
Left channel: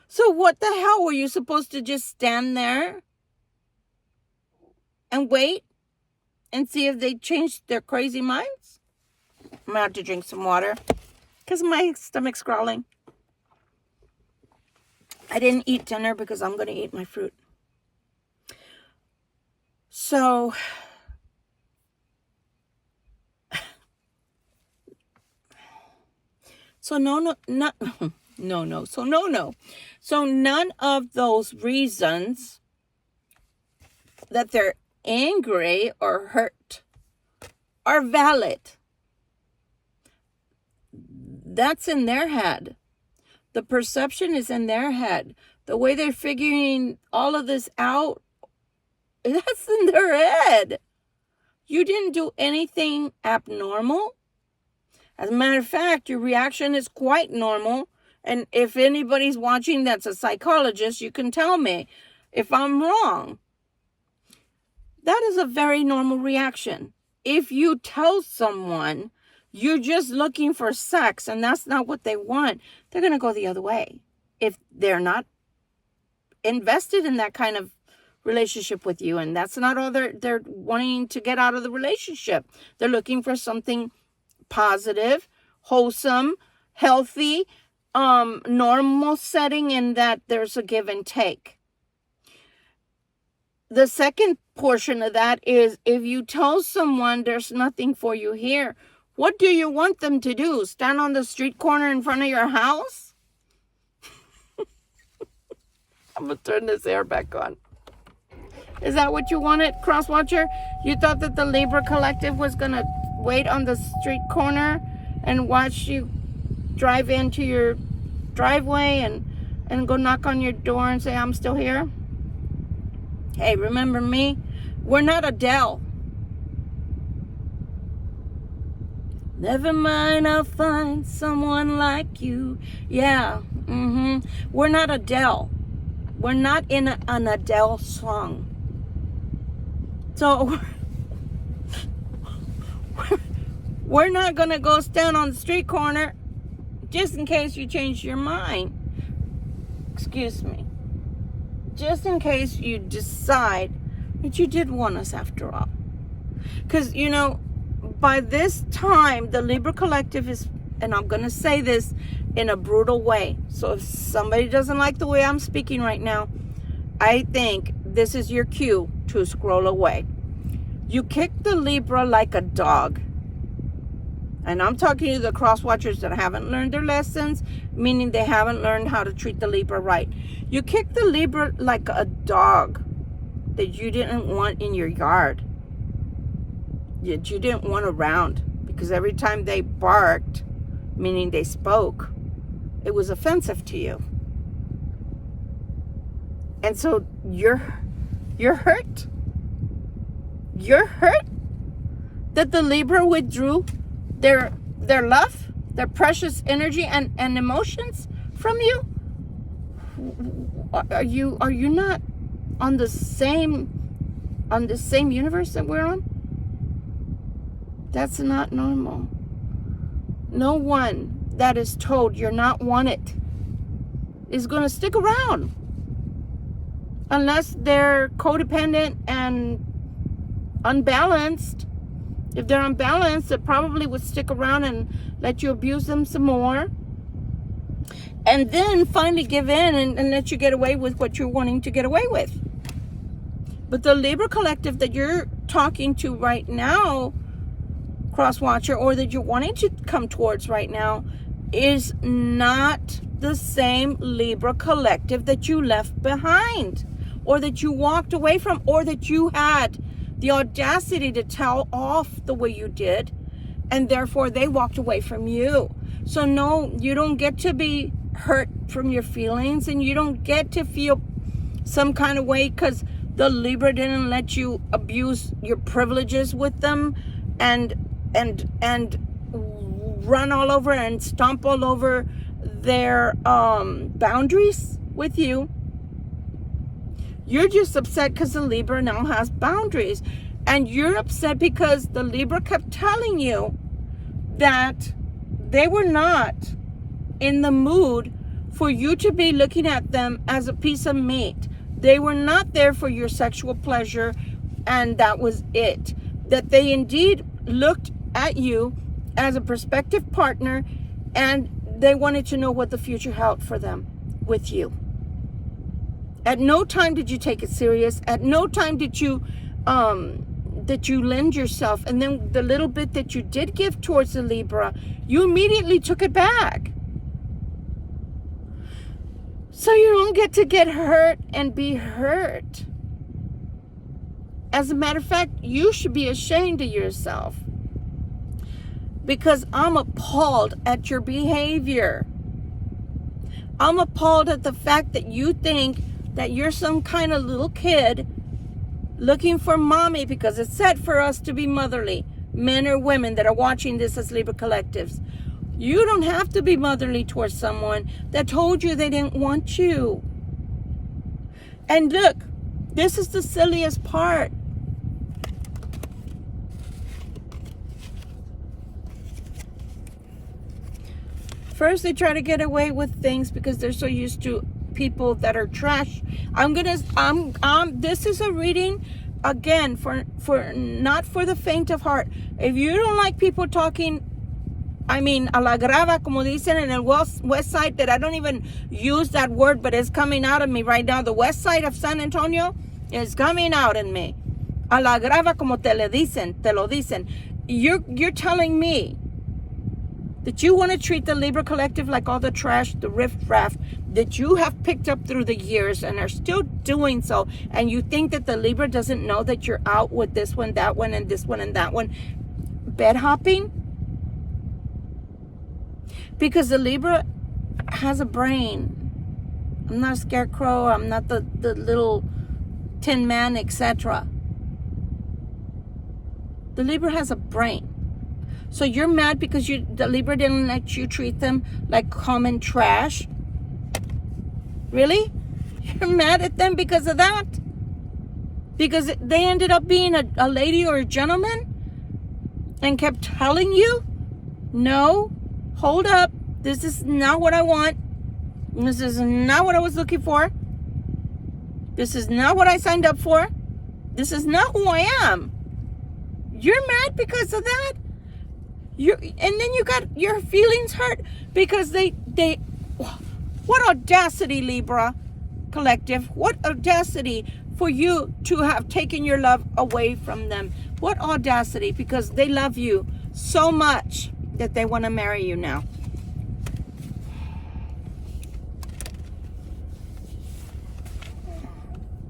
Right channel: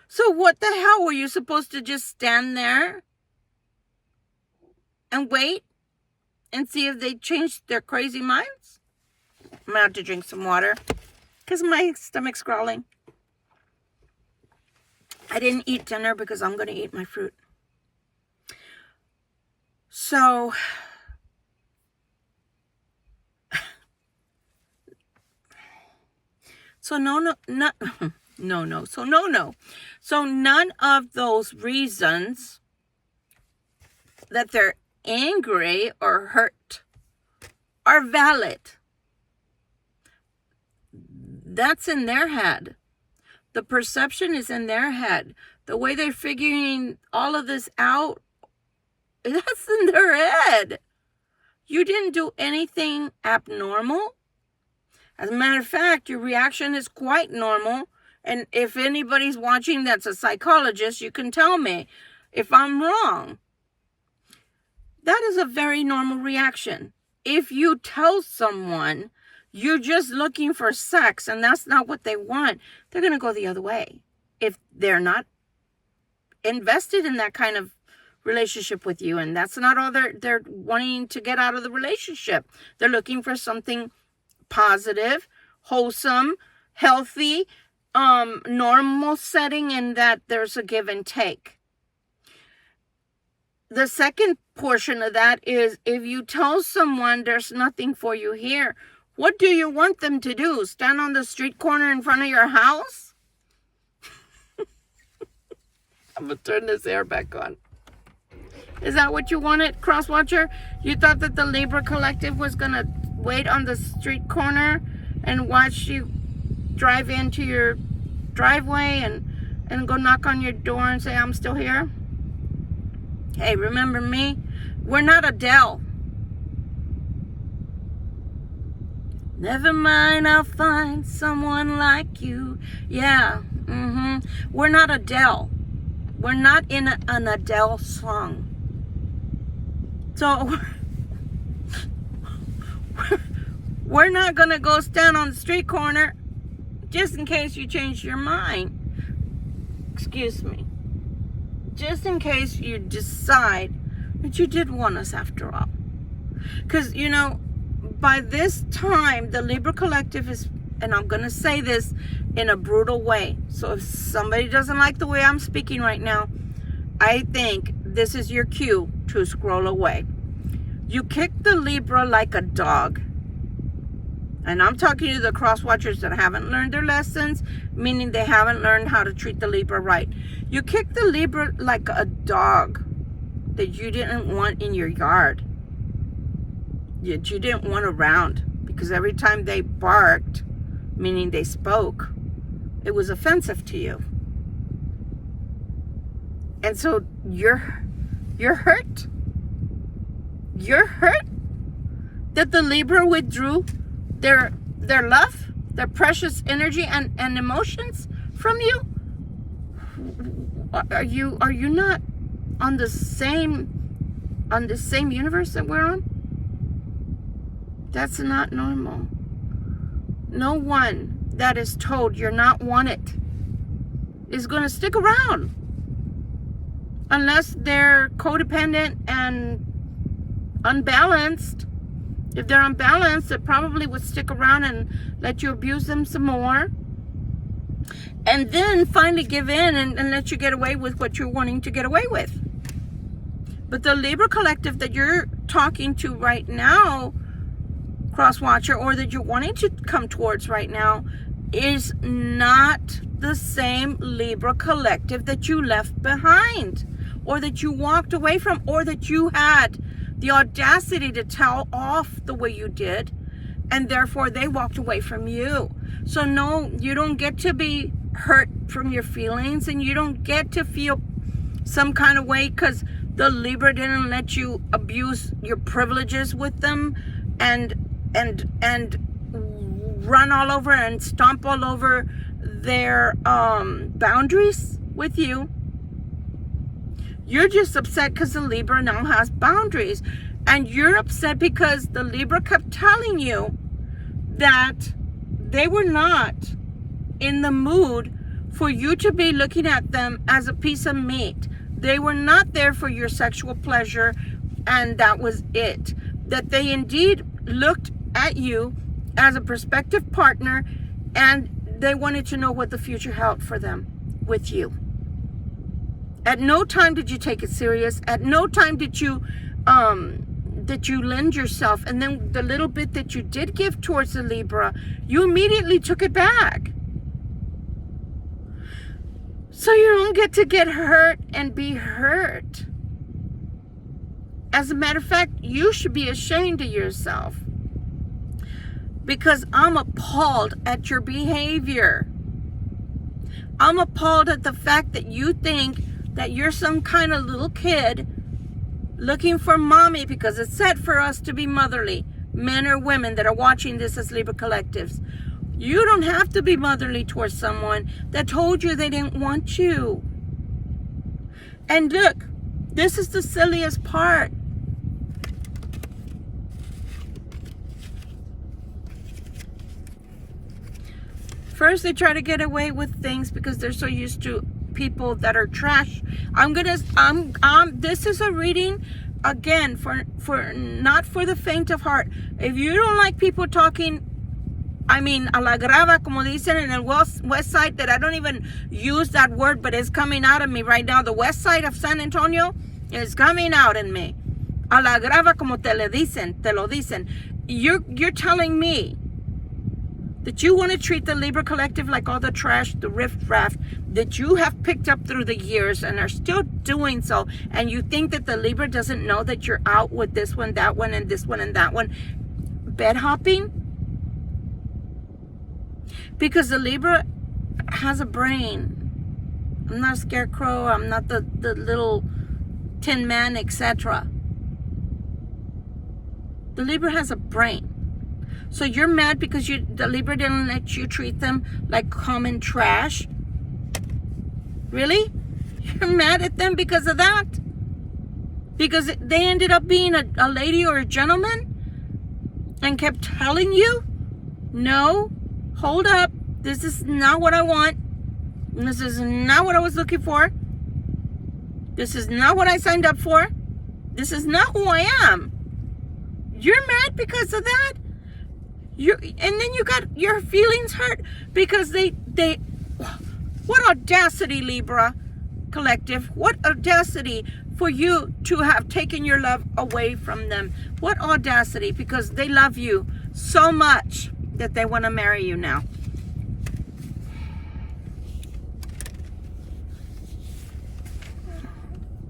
So what the hell, were you supposed to just stand there and wait and see if they changed their crazy minds? I'm going to have to drink some water because my stomach's growling. I didn't eat dinner because I'm going to eat my fruit. So no. So none of those reasons that they're angry or hurt are valid. That's in their head. The perception is in their head. The way they're figuring all of this out, that's in their head. You didn't do anything abnormal. As a matter of fact, your reaction is quite normal. And if anybody's watching that's a psychologist, you can tell me if I'm wrong. That is a very normal reaction. If you tell someone you're just looking for sex and that's not what they want, they're going to go the other way. If they're not invested in that kind of relationship with you, and that's not all they're wanting to get out of the relationship. They're looking for something positive, wholesome, healthy, normal setting, in that there's a give and take. The second portion of that is if you tell someone there's nothing for you here, what do you want them to do? Stand on the street corner in front of your house? I'm going to turn this air back on. Is that what you wanted, Crosswatcher? You thought that the Libra Collective was going to wait on the street corner and watch you drive into your driveway and go knock on your door and say, I'm still here? Hey, remember me? We're not Adele. Never mind, I'll find someone like you. Yeah, We're not Adele. We're not in an Adele song. So, we're not going to go stand on the street corner just in case you change your mind. Excuse me. Just in case you decide that you did want us after all. Because, you know, by this time, the Libra Collective is, and I'm going to say this in a brutal way. So if somebody doesn't like the way I'm speaking right now, I think this is your cue to scroll away. You kick the Libra like a dog. And I'm talking to the cross watchers that haven't learned their lessons, meaning they haven't learned how to treat the Libra right. You kick the Libra like a dog that you didn't want in your yard. That you didn't want around. Because every time they barked, meaning they spoke, it was offensive to you. And so you're hurt. You're hurt that the Libra withdrew their love, their precious energy and emotions from you. Are you not on the same universe that we're on? That's not normal. No one that is told you're not wanted is going to stick around unless they're codependent and unbalanced If they're unbalanced, they probably would stick around and let you abuse them some more. And then finally give in and let you get away with what you're wanting to get away with. But the Libra collective that you're talking to right now, cross watcher, or that you're wanting to come towards right now, is not the same Libra collective that you left behind, or that you walked away from, or that you had the audacity to tell off the way you did, and therefore they walked away from you. So no, you don't get to be hurt from your feelings, and you don't get to feel some kind of way because the Libra didn't let you abuse your privileges with them and run all over and stomp all over their boundaries with you. You're just upset because the Libra now has boundaries, and you're upset because the Libra kept telling you that they were not in the mood for you to be looking at them as a piece of meat. They were not there for your sexual pleasure, and that was it. That they indeed looked at you as a prospective partner, and they wanted to know what the future held for them with you. At no time did you take it serious. At no time did you lend yourself. And then the little bit that you did give towards the Libra, you immediately took it back. So you don't get to get hurt and be hurt. As a matter of fact, you should be ashamed of yourself. Because I'm appalled at your behavior. I'm appalled at the fact that you think that you're some kind of little kid looking for mommy, because it's said for us to be motherly, men or women that are watching this as Libra collectives. You don't have to be motherly towards someone that told you they didn't want you. And look, this is the silliest part. First, they try to get away with things because they're so used to people that are trash. This is a reading, again, for not for the faint of heart. If you don't like people talking, a la grava, como dicen in the west side, that I don't even use that word, but it's coming out of me right now. The west side of San Antonio is coming out in me. A la grava, como te lo dicen. You're telling me that you want to treat the Libra collective like all the trash, the riff-raff that you have picked up through the years and are still doing so, and you think that the Libra doesn't know that you're out with this one, that one, and this one, and that one, bed hopping? Because the Libra has a brain. I'm not a scarecrow, I'm not the little tin man, etc. The Libra has a brain. So you're mad because the Libra didn't let you treat them like common trash? Really? You're mad at them because of that? Because they ended up being a lady or a gentleman and kept telling you, no, hold up, this is not what I want. This is not what I was looking for. This is not what I signed up for. This is not who I am. You're mad because of that? And then you got your feelings hurt because they what audacity, Libra collective, what audacity for you to have taken your love away from them. What audacity, because they love you so much that they want to marry you now.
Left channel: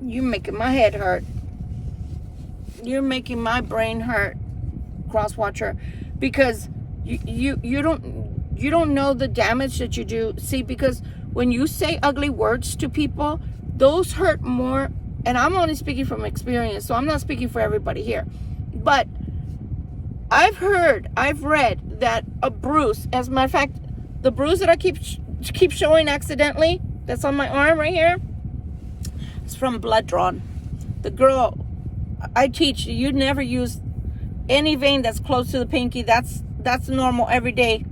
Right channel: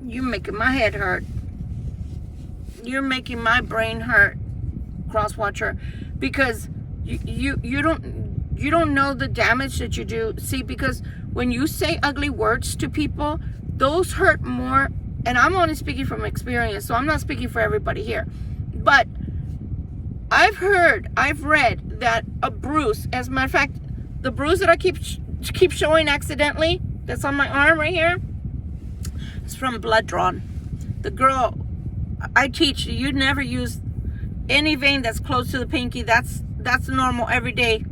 You're making my head hurt. You're making my brain hurt, cross watcher. Because you don't know the damage that you do. See, because when you say ugly words to people, those hurt more. And I'm only speaking from experience, so I'm not speaking for everybody here. But I've read that a bruise, as a matter of fact, the bruise that I keep showing accidentally, that's on my arm right here, is from blood drawn. The girl I teach, you never use any vein that's close to the pinky. That's normal every day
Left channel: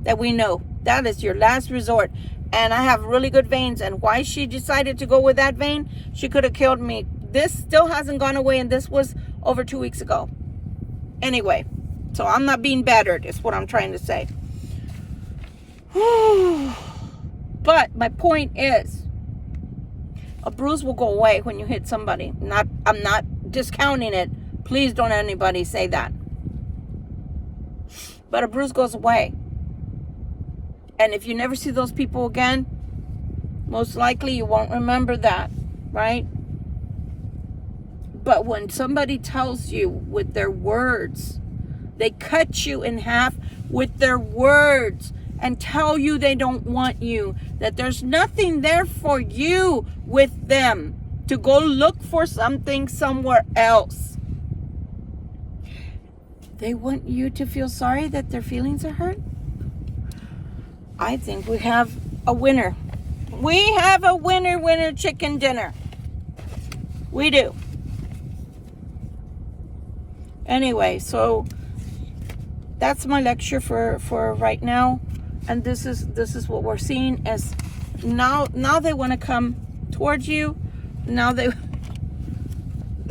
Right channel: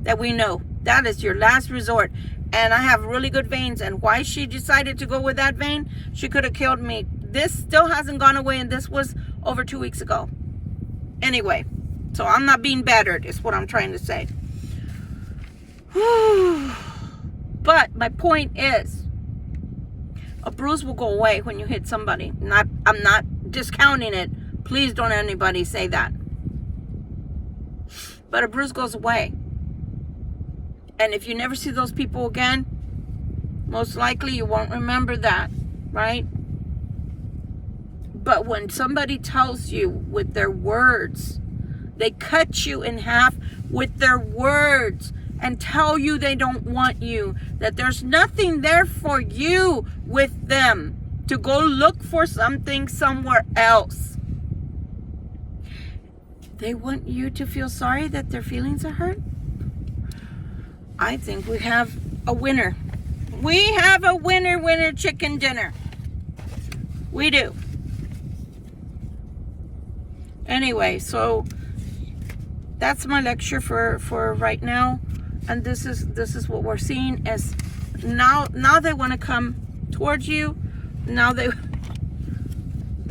that we know. That is your last resort. And I have really good veins. And why she decided to go with that vein, she could have killed me. This still hasn't gone away, and this was over 2 weeks ago. Anyway, so I'm not being battered, is what I'm trying to say. But my point is, a bruise will go away when you hit somebody. I'm not discounting it. Please don't anybody say that. But a bruise goes away. And if you never see those people again, most likely you won't remember that, right? But when somebody tells you with their words, they cut you in half with their words and tell you they don't want you, that there's nothing there for you with them, to go look for something somewhere else. They want you to feel sorry that their feelings are hurt. I think we have a winner. We have a winner chicken dinner. We do. Anyway, so that's my lecture for right now. And this is what we're seeing as now they want to come towards you. Now they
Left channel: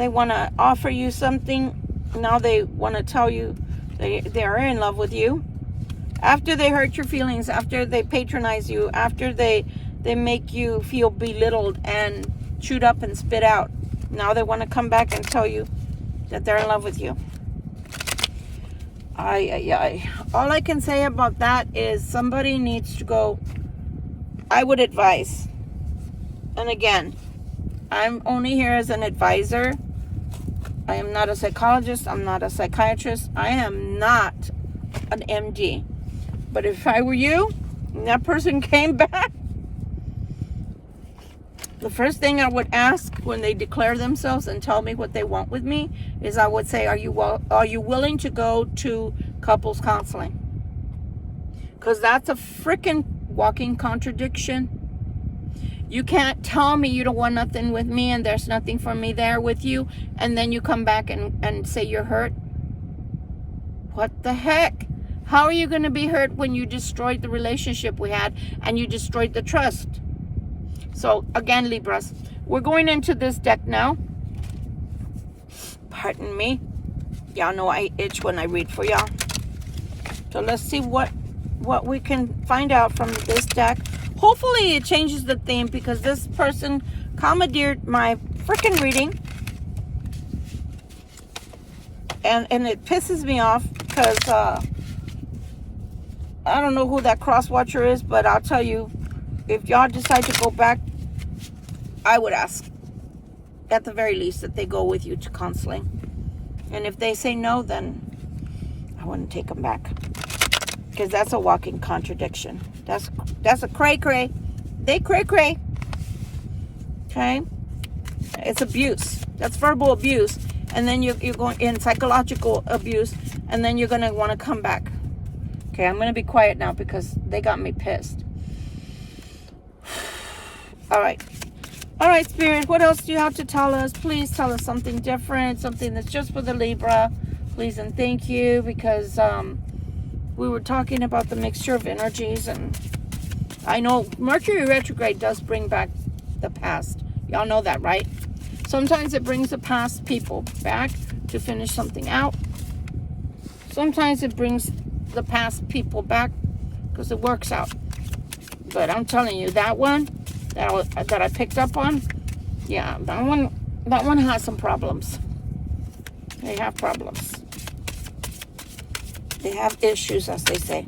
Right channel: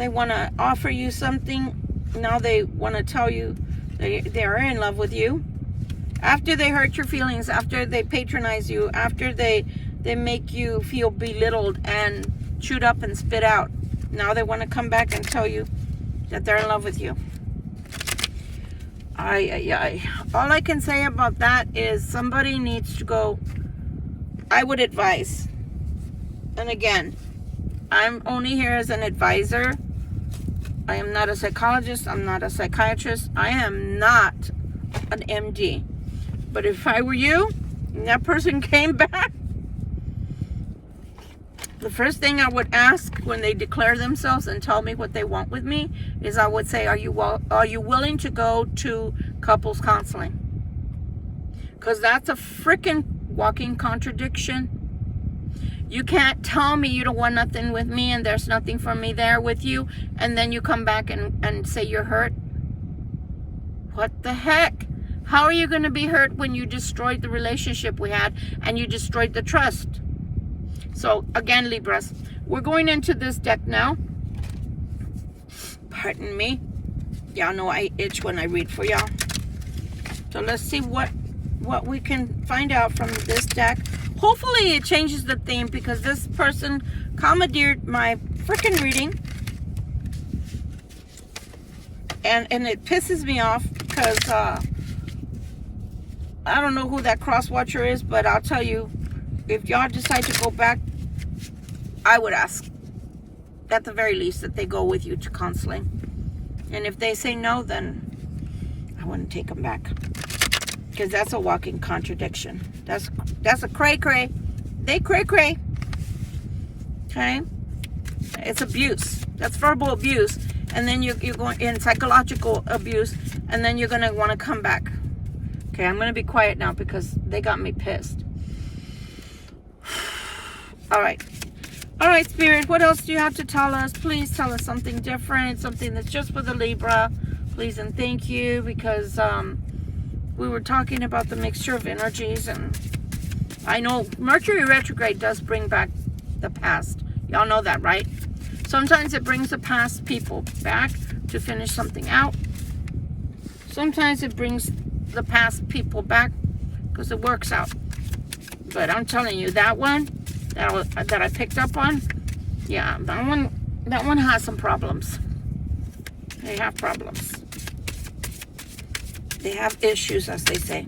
want to offer you something. Now they want to tell you they are in love with you. After they hurt your feelings, after they patronize you, after they make you feel belittled and chewed up and spit out, now they want to come back and tell you that they're in love with you. All I can say about that is somebody needs to go. I would advise, and again, I'm only here as an advisor. I am not a psychologist. I'm not a psychiatrist. I am not an MD. But if I were you, and that person came back, the first thing I would ask when they declare themselves and tell me what they want with me is I would say, are you willing to go to couples counseling? Because that's a freaking walking contradiction. You can't tell me you don't want nothing with me and there's nothing for me there with you, and then you come back and say you're hurt. What the heck? How are you going to be hurt when you destroyed the relationship we had and you destroyed the trust? So again, Libras, we're going into this deck now. Pardon me. Y'all know I itch when I read for y'all. So let's see what we can find out from this deck. Hopefully it changes the theme, because this person commandeered my freaking reading. And it pisses me off because I don't know who that cross watcher is, but I'll tell you, if y'all decide to go back, I would ask, at the very least, that they go with you to counseling. And if they say no, then I wouldn't take them back. Because that's a walking contradiction. That's a cray-cray. They cray-cray. Okay? It's abuse. That's verbal abuse. And then you're going in psychological abuse. And then you're going to want to come back. Okay, I'm going to be quiet now because they got me pissed. All right. All right, Spirit, what else do you have to tell us? Please tell us something different, something that's just for the Libra. Please and thank you, because we were talking about the mixture of energies, and I know Mercury retrograde does bring back the past. Y'all know that, right? Sometimes it brings the past people back to finish something out. Sometimes it brings the past people back because it works out. But I'm telling you, that one that I picked up on, yeah, that one has some problems. They have problems. They have issues, as they say.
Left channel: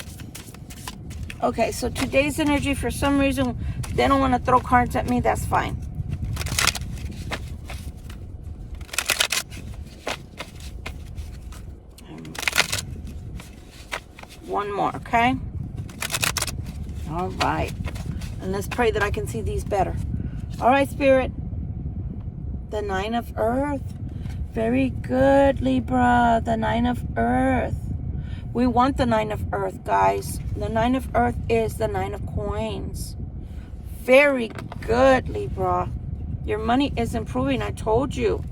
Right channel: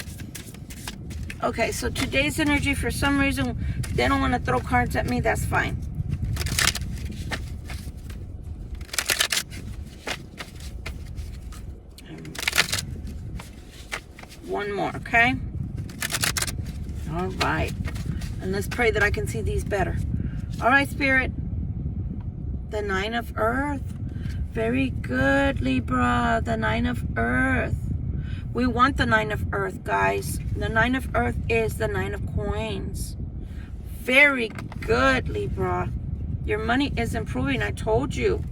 Okay, so today's energy, for some reason, they don't want to throw cards at me. That's fine. One more, okay? All right. And let's pray that I can see these better. All right, Spirit. The Nine of Earth. Very good, Libra. The Nine of Earth. We want the Nine of Earth, guys. The Nine of Earth is the Nine of Coins. Very good, Libra. Your money is improving. I told you.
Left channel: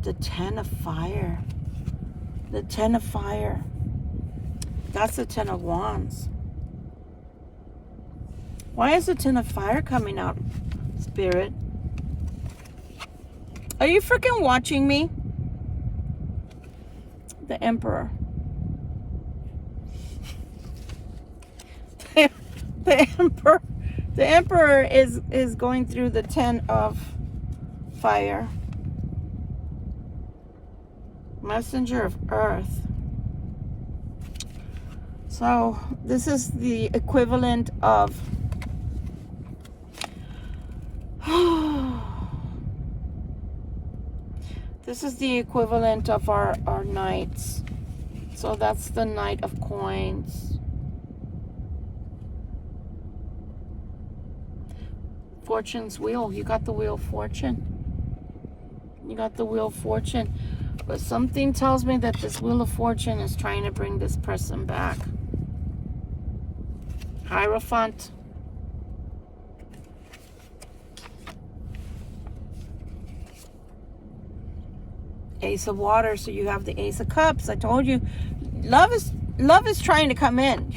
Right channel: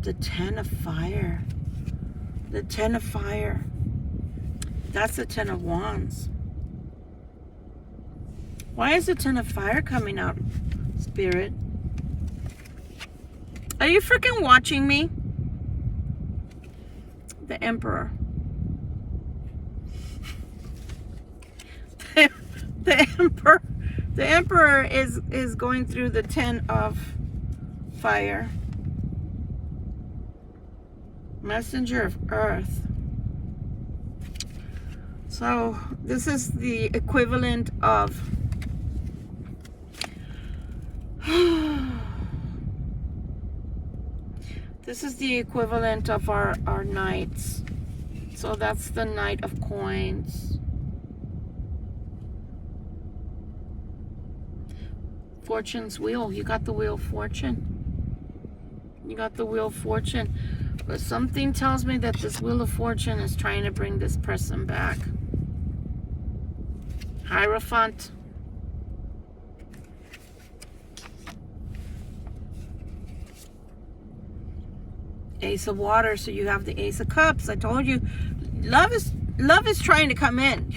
The Ten of Fire. The Ten of Fire. That's the Ten of Wands. Why is the Ten of Fire coming out, Spirit? Are you freaking watching me? The Emperor. The Emperor is going through the 10 of fire. Messenger of Earth. So this is the equivalent of this is the equivalent of our knights. So that's the Knight of Coins. Fortune's wheel. You got the Wheel of Fortune. You got the Wheel of Fortune. But something tells me that this Wheel of Fortune is trying to bring this person back. Hierophant. Ace of Water. So you have the Ace of Cups. I told you, love is trying to come in.